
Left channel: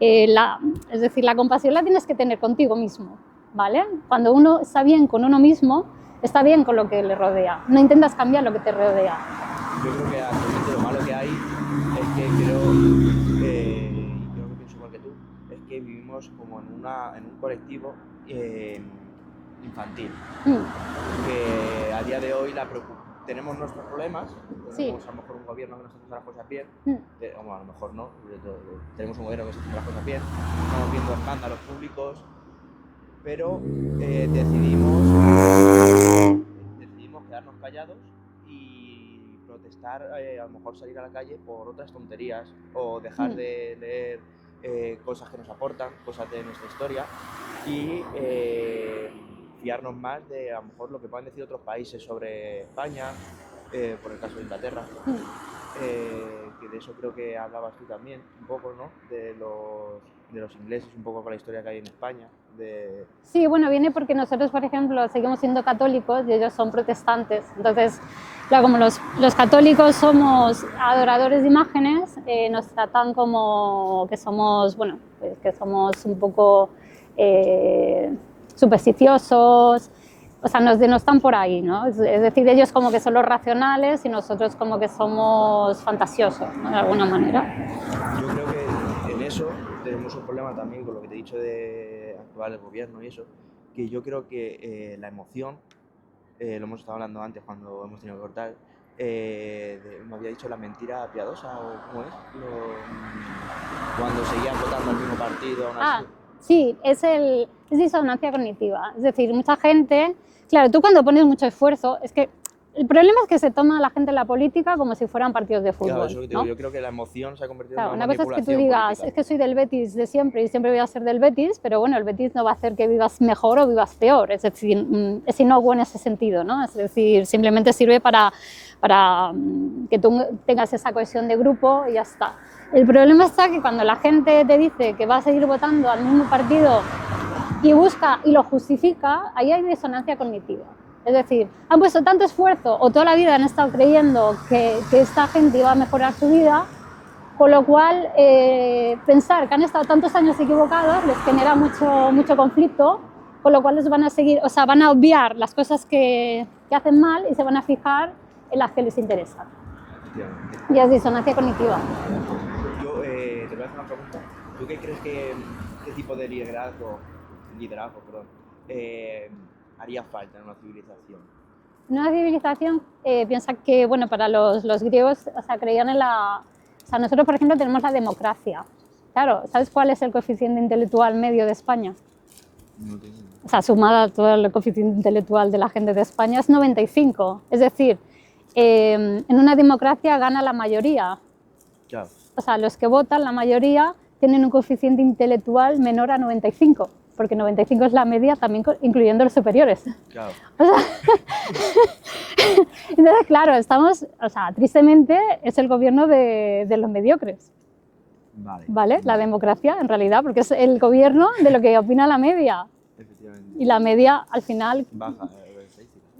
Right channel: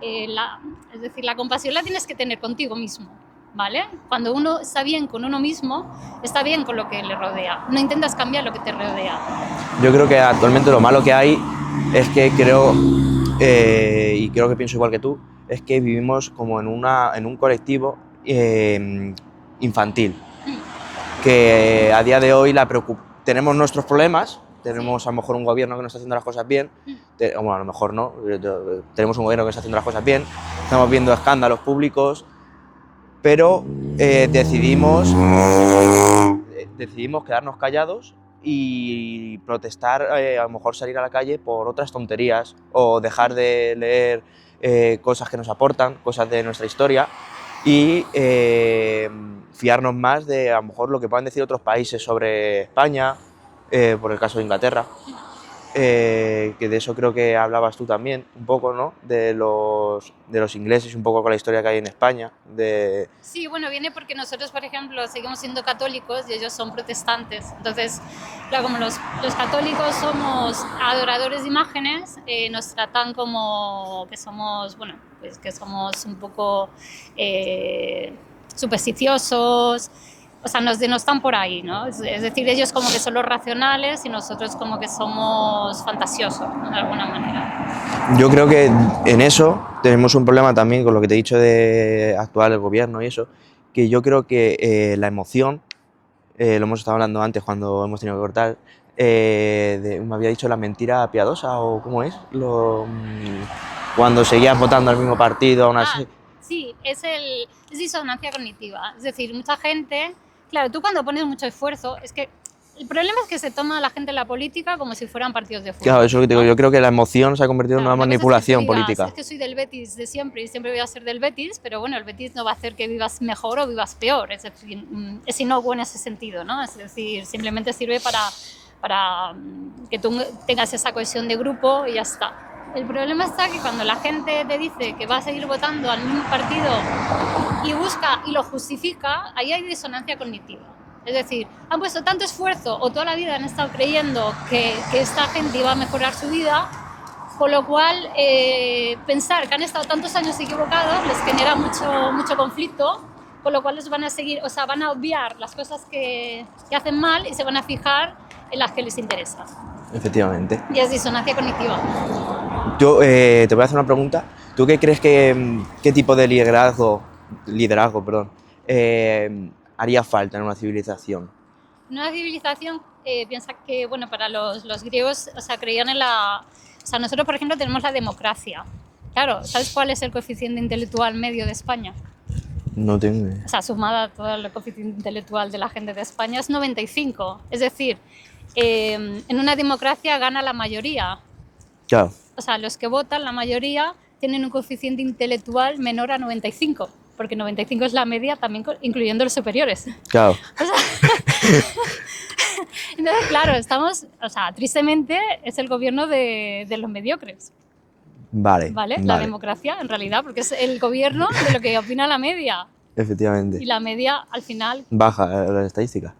es decir, la compasión la tienes que tener contigo mismo, ¿vale? Cuando uno está bien con uno mismo, está bien con lo que le rodea. No intentas cambiar lo que te rodea. Yo creo que actualmente lo malo que hay es que y creo que pienso igual que tú, es que vivimos como en un colectivo infantil, que a día de hoy tenemos nuestros problemas, tenemos Sí. a lo mejor un gobierno que no está haciendo las cosas bien, bueno, a lo mejor no, tenemos un gobierno que está haciendo las cosas bien, estamos viendo escándalos públicos, pero decidimos quedarnos callados y protestar, a lo mejor salir a la calle por otras tonterías o dejar de leer cosas que nos aportan, cosas de nuestra historia y fiarnos más de a lo mejor lo que puedan decir otros países sobre España, por el caso de Inglaterra. Que de eso creo que hablabas tú también, un poco, ¿no? De los ingleses, un poco con la historia que hay en España. Sí, bueno, viene porque nosotros, por ejemplo, seguimos siendo católicos y ellos son protestantes. Entonces, claro, como los católicos somos adoradores de imágenes, nos tratan como que somos, bueno, pues que somos un poco supersticiosos. O sea, nos denostan por ahí, ¿no? Es decir, ellos como que son los racionales y nosotros como que somos fantasiosos, ¿no? De alguna manera. Yo creo que en eso tenemos un problema también con lo que te he dicho de actuar el gobierno y eso, que yo creo que la emoción, lo hemos estado hablando antes cuando hemos tenido que cortar, me había dicho la mentira piadosa o cómo es, cuando seguías votando al mismo partido aún así. Sí, es disonancia cognitiva. Es decir, mucha gente... Claro, tú cuando pones mucho esfuerzo, es que el problema es que se toma a la gente en la política como si fueran partidos de fútbol. Claro, eso es lo que te digo, ¿no? yo creo que la emoción se ha convertido en Claro, una una cosa manipulación es que tú digas, política. Es que soy del Betis de siempre y siempre voy a ser del Betis, pero bueno, el Betis no va a hacer que vivas mejor o vivas peor. Es decir, es inocuo en ese sentido, ¿no? Es decir, simplemente sirve para que tú tengas esa cohesión de grupo y ya está. El problema está que cuando la gente te dice que va a seguir votando al mismo partido y busca y lo justifica, ahí hay disonancia cognitiva. Es decir, han puesto tanto esfuerzo o toda la vida han estado creyendo que esta gente iba a mejorar su vida, con lo cual pensar que han estado tantos años equivocados les genera mucho conflicto, con lo cual les van a seguir, o sea, van a obviar las cosas que hacen mal y se van a fijar en las que les interesan. Efectivamente. Y es disonancia cognitiva. Yo te voy a hacer una pregunta. ¿Tú qué crees qué tipo de liderazgo, haría falta en una civilización? En una civilización, piensa que, bueno, para los griegos, o sea, creían en la... O sea, nosotros, por ejemplo, tenemos la democracia. Claro, ¿sabes cuál es el coeficiente intelectual medio de España? No tengo idea. O sea, sumada todo el coeficiente intelectual de la gente de España es 95. Es decir, en una democracia gana la mayoría. Claro. O sea, los que votan, la mayoría, tienen un coeficiente intelectual menor a 95, porque 95 es la media, también incluyendo los superiores. Claro. O sea, entonces, claro, estamos, o sea, tristemente es el gobierno de los mediocres. Vale. ¿Vale? La democracia, en realidad, porque es el gobierno de lo que opina la media. Efectivamente. Y la media, al final, Baja la estadística.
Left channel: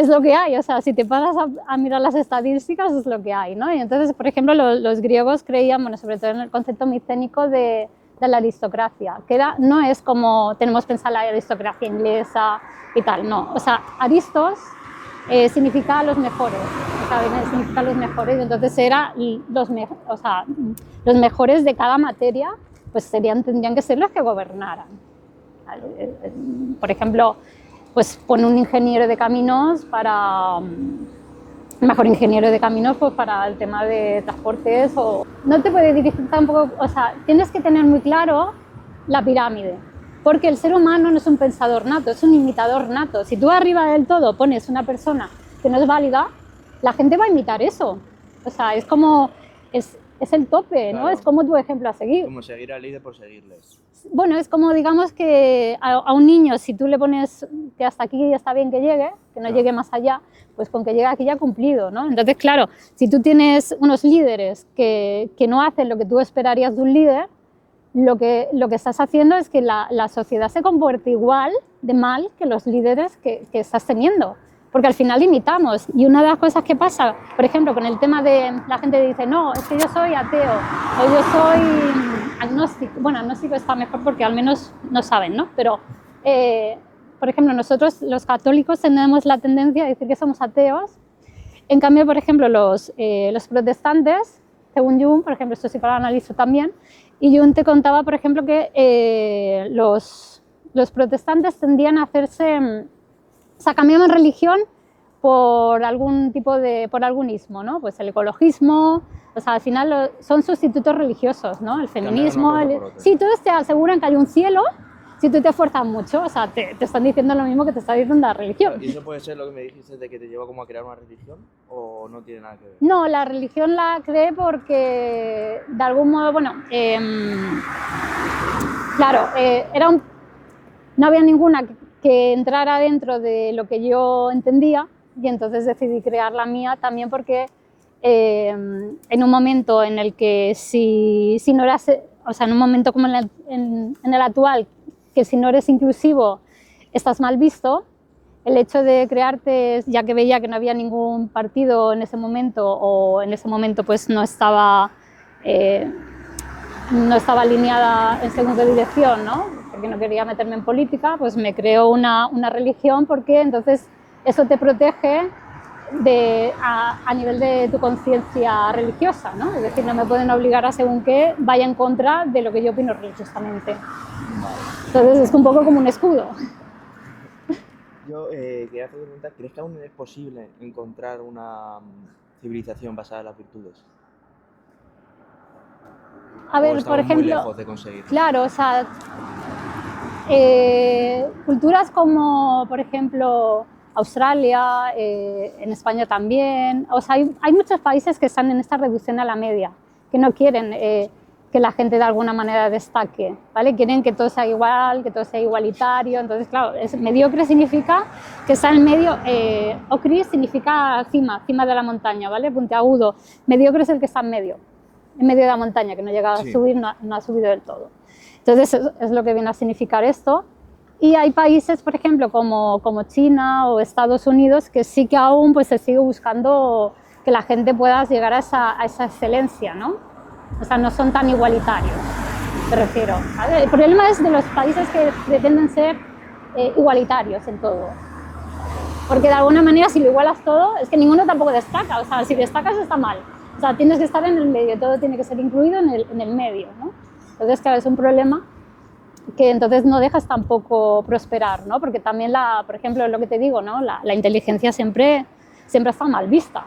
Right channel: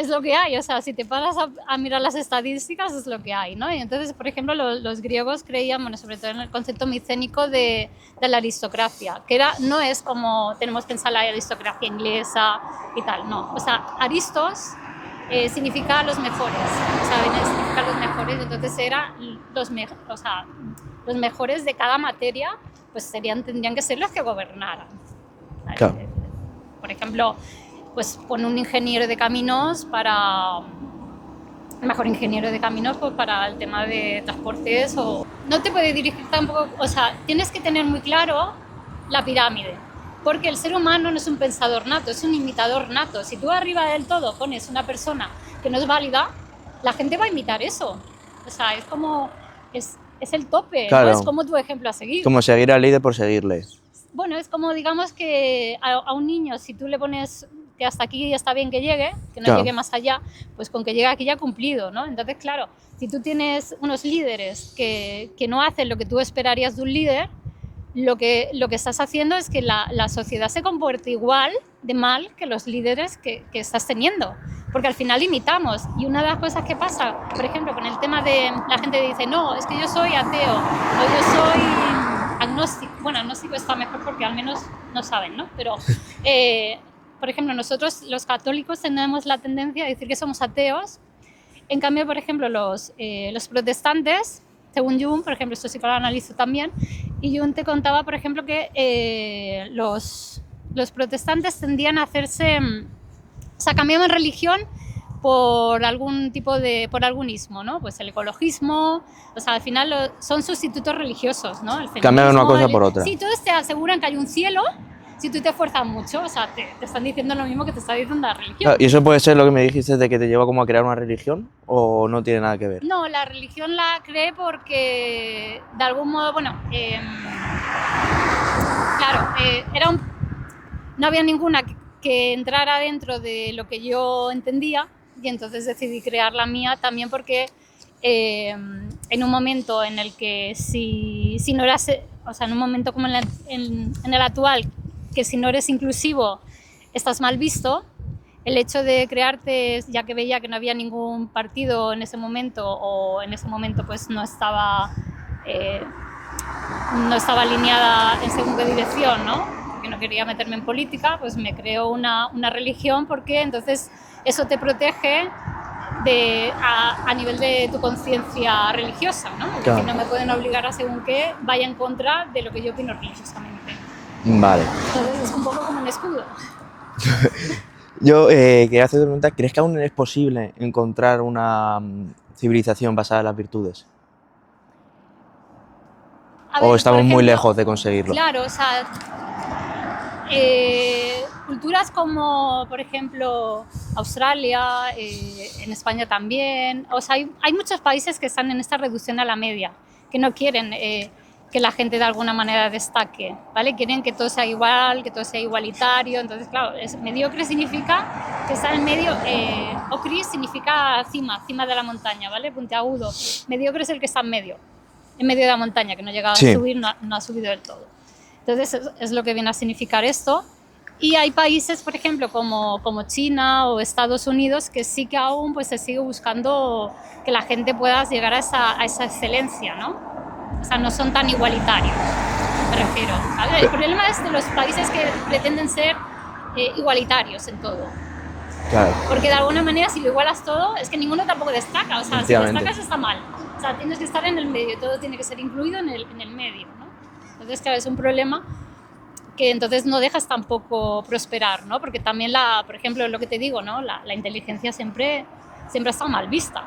es lo que hay. O sea, si te paras a mirar las estadísticas, es lo que hay, ¿no? Y entonces, por ejemplo, los griegos creían, bueno, sobre todo en el concepto micénico de la aristocracia, que no es como tenemos pensado la aristocracia inglesa y tal, no. O sea, aristos significa los mejores, ¿saben? Significa los mejores, entonces era los mejores de cada materia, pues tendrían que ser los que gobernaran. Claro. Por ejemplo, pues pon un ingeniero de caminos mejor ingeniero de caminos pues para el tema de transportes, o no te puede dirigir tampoco, o sea, tienes que tener muy claro la pirámide, porque el ser humano no es un pensador nato, es un imitador nato. Si tú arriba del todo pones una persona que no es válida, la gente va a imitar eso. O sea, es como, es el tope, claro. ¿no? Es como tu ejemplo a seguir. Como seguir al líder por seguirle. Bueno, es como, digamos que a un niño, si tú le pones que hasta aquí ya está bien que llegue, que no claro. llegue más allá, pues con que llegue aquí ya ha cumplido, ¿no? Entonces, claro, si tú tienes unos líderes que no hacen lo que tú esperarías de un líder, lo que estás haciendo es que la sociedad se comporte igual de mal que los líderes que estás teniendo. Porque al final imitamos. Y una de las cosas que pasa, por ejemplo, con el tema de la gente dice, no, es que yo soy ateo, o yo soy agnóstico. Bueno, agnóstico está mejor porque al menos no saben, ¿no? Pero, por ejemplo, nosotros los católicos tenemos la tendencia a decir que somos ateos. En cambio, por ejemplo, los protestantes, según Jung, por ejemplo, esto sí para analizo también, y Jung te contaba, por ejemplo, que los protestantes tendían a hacerse... O sea, cambiamos religión por algún tipo por algún ismo, ¿no? Pues el ecologismo, o sea, al final son sustitutos religiosos, ¿no? El feminismo, cambiar una cosa por otra. Sí, todos te aseguran que hay un cielo si tú te esfuerzas mucho, o sea, te están diciendo lo mismo que te está diciendo la religión. ¿Y eso puede ser lo que me dijiste de que te lleva como a crear una religión o no tiene nada que ver? No, la religión la creé porque, de algún modo, bueno, claro, no había ninguna que entrara dentro de lo que yo entendía, y entonces decidí crear la mía también porque en un momento en el que si no eras, o sea, en un momento como en el actual, que si no eres inclusivo estás mal visto, el hecho de crearte, ya que veía que no había ningún partido en ese momento, o en ese momento pues no estaba alineada en según qué dirección, ¿no? Porque no quería meterme en política, pues me creo una religión, porque entonces eso te protege a nivel de tu conciencia religiosa, ¿no? Es decir, no me pueden obligar a según qué vaya en contra de lo que yo opino religiosamente. Vale. Entonces es un poco como un escudo. Yo quería hacerte una pregunta, ¿crees que aún es posible encontrar una civilización basada en las virtudes? ¿O estamos muy lejos de conseguirlo? Claro, o sea, culturas como, por ejemplo, Australia, en España también, o sea, hay muchos países que están en esta reducción a la media, que no quieren que la gente de alguna manera destaque, ¿vale? Quieren que todo sea igual, que todo sea igualitario. Entonces, claro, mediocre significa que está en medio, ocris significa cima de la montaña, ¿vale? Puntiagudo. Mediocre es el que está en medio de la montaña, que no llega a subir, no ha subido del todo. Entonces, es lo que viene a significar esto. Y hay países, por ejemplo, como China o Estados Unidos, que sí que aún pues, se sigue buscando que la gente pueda llegar a esa excelencia, ¿no? O sea, no son tan igualitarios, me refiero. El problema es de los países que pretenden ser igualitarios en todo. Claro. Porque de alguna manera, si lo igualas todo, es que ninguno tampoco destaca. O sea, si destacas está mal. O sea, tienes que estar en el medio, todo tiene que ser incluido en el medio, ¿no? Entonces, claro, es un problema que entonces no dejas tampoco prosperar, ¿no? Porque también, por ejemplo, lo que te digo, ¿no? La inteligencia siempre ha estado mal vista.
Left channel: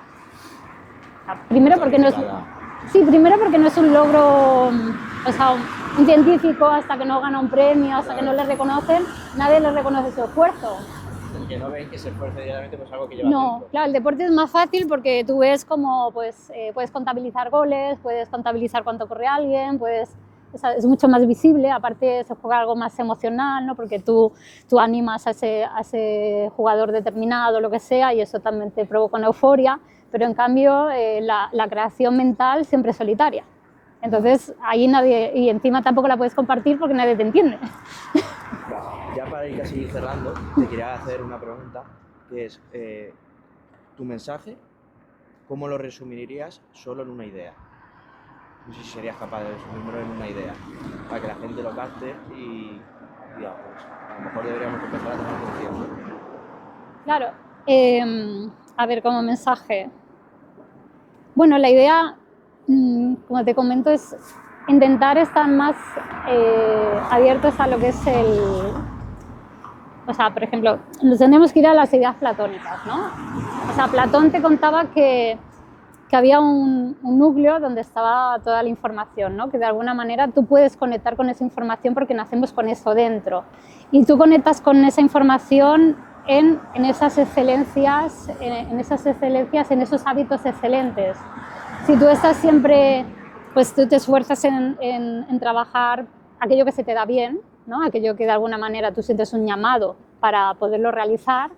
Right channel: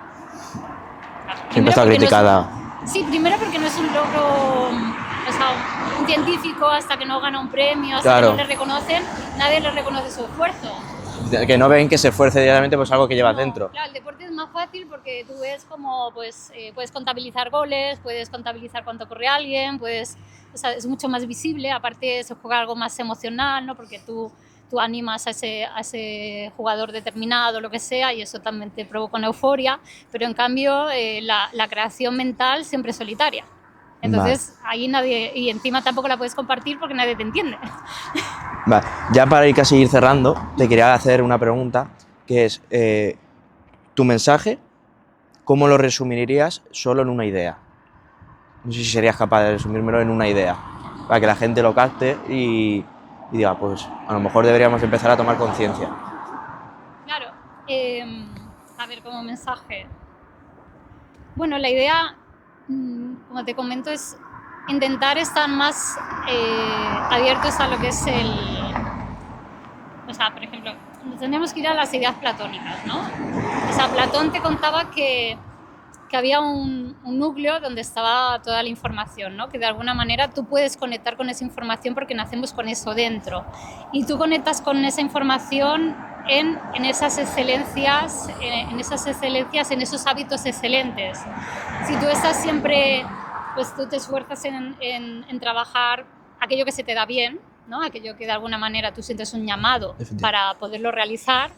Siempre está criticada. Sí, primero porque no es un logro, o sea, un científico hasta que no gana un premio, hasta que no le reconocen, nadie le reconoce su esfuerzo. Que no ven que se esfuerce diariamente pues algo que lleva dentro. Claro, el deporte es más fácil porque tú ves como pues, puedes contabilizar goles, puedes contabilizar cuánto corre alguien, o sea, es mucho más visible, aparte se juega algo más emocional, ¿no? Porque tú animas a ese jugador determinado, lo que sea, y eso también te provoca una euforia, pero en cambio la creación mental siempre es solitaria. Entonces ahí nadie, y encima tampoco la puedes compartir porque nadie te entiende. Vale, ya para ir casi ir cerrando, te quería hacer una pregunta, que es, tu mensaje, ¿cómo lo resumirías solo en una idea? No sé si serías capaz de resumírmelo en una idea, para que la gente lo capte y diga, pues a lo mejor deberíamos empezar a tomar conciencia. Claro, a ver, como mensaje. Bueno, la idea, como te comento, es intentar estar más abiertos a lo que es o sea, por ejemplo, nos tenemos que ir a las ideas platónicas, ¿no? O sea, Platón te contaba que había un núcleo donde estaba toda la información, ¿no? Que de alguna manera tú puedes conectar con esa información porque nacemos con eso dentro. Y tú conectas con esa información en esas excelencias, en esos hábitos excelentes. Si tú estás siempre, pues tú te esfuerzas en trabajar aquello que se te da bien, ¿no? Aquello que de alguna manera tú sientes un llamado para poderlo realizar,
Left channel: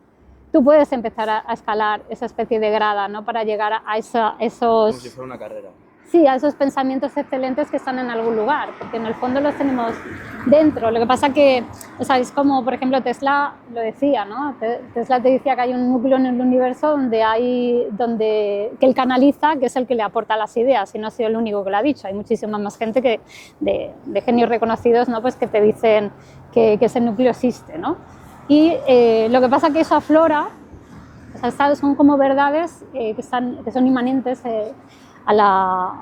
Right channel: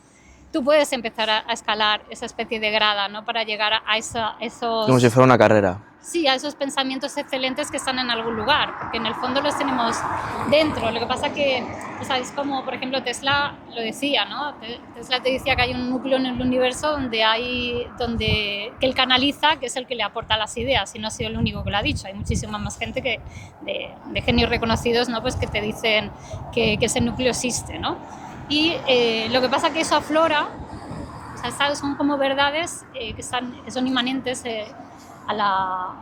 tú puedes empezar a escalar esa especie de grada, ¿no? Para llegar a esos... Como si fuera una carrera. Sí, a esos pensamientos excelentes que están en algún lugar, porque en el fondo los tenemos dentro. Lo que pasa que, o sea, es como, por ejemplo, Tesla lo decía, ¿no? Tesla te decía que hay un núcleo en el universo que él canaliza, que es el que le aporta las ideas, y no ha sido el único que lo ha dicho. Hay muchísima más gente de genios reconocidos, ¿no? Pues que te dicen que ese núcleo existe, ¿no? Y lo que pasa que eso aflora, o sea, son como verdades que son inmanentes a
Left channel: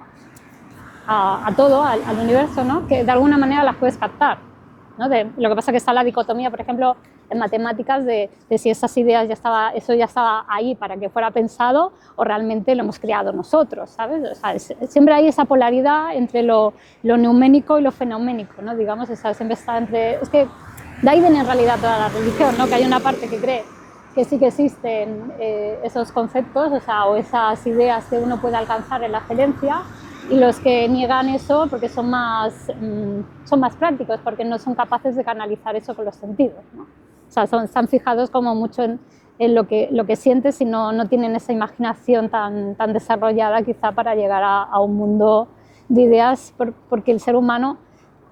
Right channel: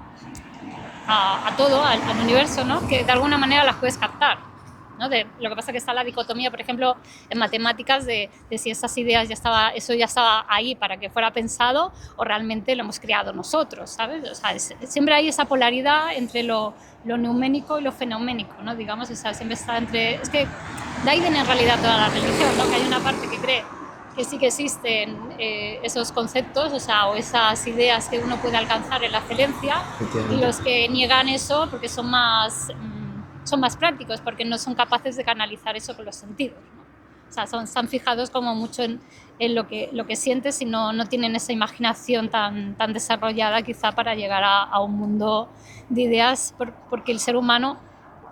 todo, al universo, ¿no? Que de alguna manera las puedes captar, ¿no? Lo que pasa es que está la dicotomía, por ejemplo, en matemáticas de si esas ideas eso ya estaba ahí para que fuera pensado o realmente lo hemos creado nosotros, ¿sabes? O sea, siempre hay esa polaridad entre lo neuménico y lo fenoménico, ¿no? Digamos, o sea, siempre está entre... Es que de ahí viene en realidad toda la religión, ¿no? Que hay una parte que cree que sí que existen esos conceptos, o sea, o esas ideas que uno puede alcanzar en la excelencia, y los que niegan eso porque son más prácticos, porque no son capaces de canalizar eso con los sentidos, ¿no? O sea, están fijados como mucho en lo que sientes y no tienen esa imaginación tan desarrollada quizá para llegar a un mundo de ideas, porque el ser humano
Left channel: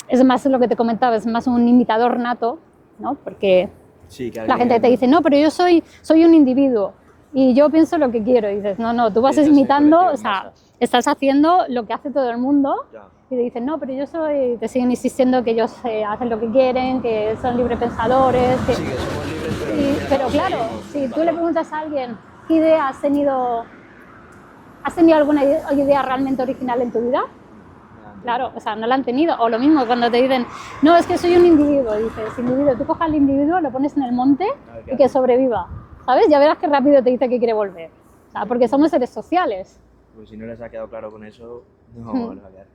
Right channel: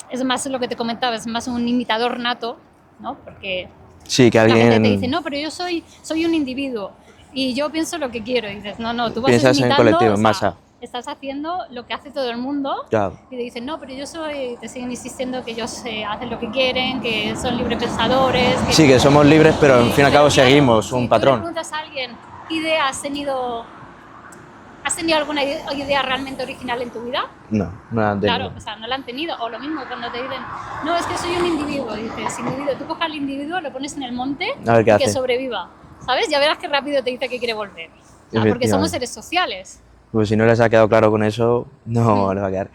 es más lo que te comentaba, es más un imitador nato, ¿no? Porque sí, que alguien... la gente te dice, no, pero yo soy un individuo y yo pienso lo que quiero. Y dices, no, tú vas Piensas imitando, en colectivo, o sea, masa. estás haciendo lo que hace todo el mundo. Claro. Y te dicen, no, pero te siguen insistiendo que ellos hacen lo que quieren, que son librepensadores. Sí, que somos libres, pero al fin y al cabo claro, seguimos un si patrón. tú le preguntas a alguien, ¿qué idea has tenido alguna idea realmente original en tu vida? No la han tenido. Claro, o sea, no la han tenido. O lo mismo cuando te dicen, no, es que soy un individuo. Dices, individuo, tú coges al individuo, lo pones en el monte y que sobreviva. ¿Sabes? Ya verás qué rápido te dice que quiere volver. ¿No? Porque somos seres sociales. Pues si no les ha quedado claro con eso, no les va a quedar.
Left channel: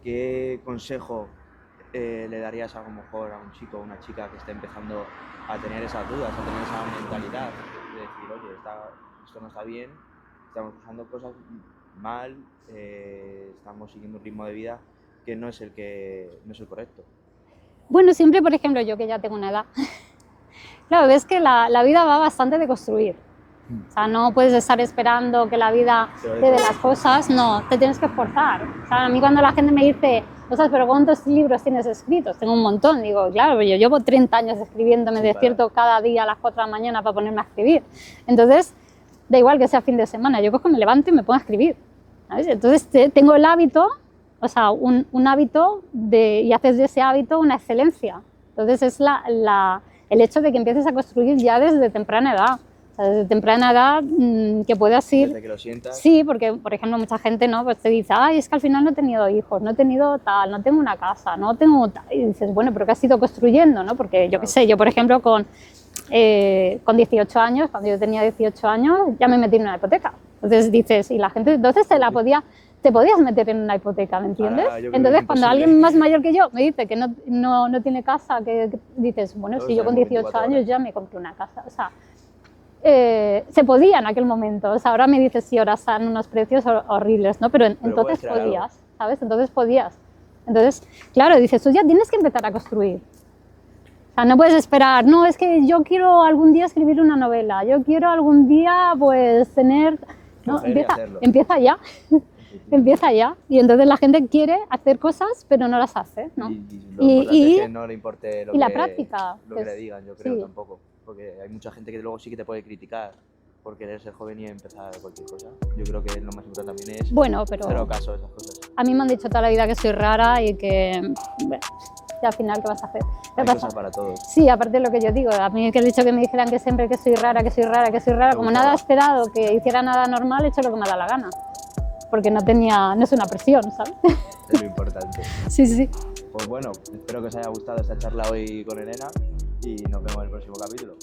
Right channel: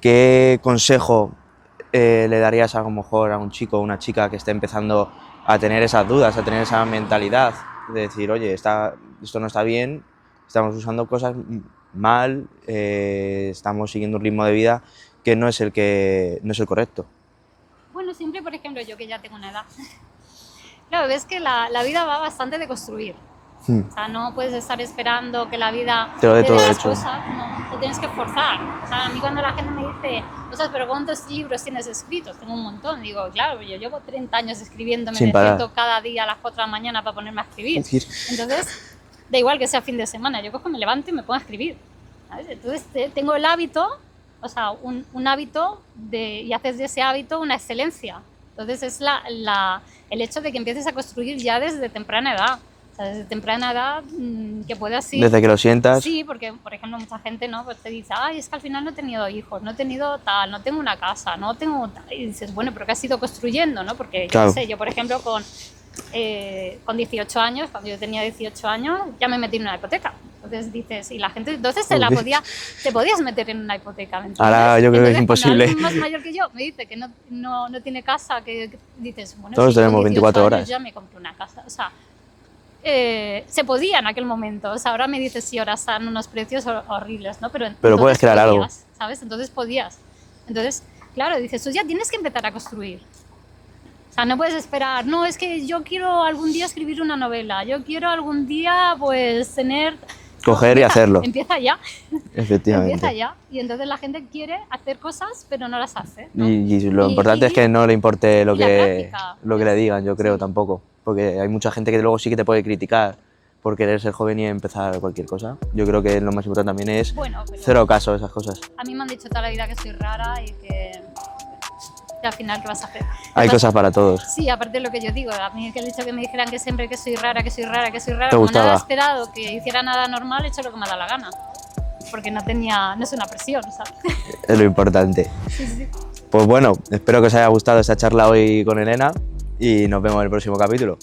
¿Qué consejo le darías a lo mejor a un chico o una chica que esté empezando a tener esas dudas, a tener esa mentalidad de decir, oye, esto no está bien, estamos usando cosas mal, estamos siguiendo un ritmo de vida que no es el correcto? Bueno, siempre, por ejemplo, yo que ya tengo una edad, claro, ves que la vida va bastante de construir. O sea, no puedes estar esperando que la vida te dé las cosas, no, te tienes que esforzar. O sea, a mí cuando la gente me dice, cosas, pero ¿cuántos libros tienes escritos? Tengo un montón. Digo, claro, yo llevo 30 años escribiendo, me despierto cada día a las 4 de la mañana para ponerme a escribir. Entonces, da igual que sea fin de semana, yo cojo, me levanto y me pongo a escribir, ¿sabes? Entonces tengo el hábito, o sea, un hábito y haces de ese hábito una excelencia. Entonces es el hecho de que empieces a construir ya desde temprana edad. O sea, desde temprana edad que puedas ir... Desde que lo sientas. Sí, porque, por ejemplo, mucha gente, ¿no? Pues te dice, ay, es que al final no he tenido hijos, no he tenido tal, no tengo una casa, no tengo tal. Y dices, bueno, pero ¿qué has ido construyendo, no? Porque yo qué sé, yo, por ejemplo, con 18 años, cuando yo tenía 18 años, ya me metí en una hipoteca. Entonces dices, y la gente, entonces te podías meter en una hipoteca, ¿me entiendes? Ahora yo creo que es imposible. Cuando alguien más mayor que yo me dice que no tiene casa, que dices, bueno, todos si tenemos con 18 24 horas. años ya me compré una casa. O sea, se podía en aquel momento. O sea, ahora me dices, sí, ahora están unos precios horribles, ¿no? Pero puedes crear algo. ¿Sabes? Entonces podías. Entonces, claro, dices, tú ya tienes que empezar a construir. O sea, no puedes esperar, no, es que yo quiero algún día escribir una novela, yo quiero algún día, pues, tener... coger y hacerlo. Empieza ya. Efectivamente. Empieza ya. Y entonces la gente quiere hacer cosas, pero no las hace, ¿no? Y lo importante es que no le importe lo y la que práctica, le digan, yo creo, sí. tampoco. Porque hay mucha gente que luego sí que te puede criticar por querer ser joven y empezar cualquier cosa. Yo creo que lo más importante también es Bueno, pero cero caso a esas cosas. a mí me han dicho toda la vida que soy rara y que, bueno, y al final, ¿qué vas a hacer? Hay cosas para todos. Sí, aparte de lo que yo digo, a mí que he dicho que me dijeran que siempre que soy rara, que soy rara, que soy rara, ¿Te como no gustaba? he esperado que hiciera nada normal, he hecho lo que me da la gana. Porque no es una presión, ¿sabes? Es lo importante. Sí, sí. Pues bueno, espero que os haya gustado esta charla hoy con Elena y nos vemos en el próximo capítulo.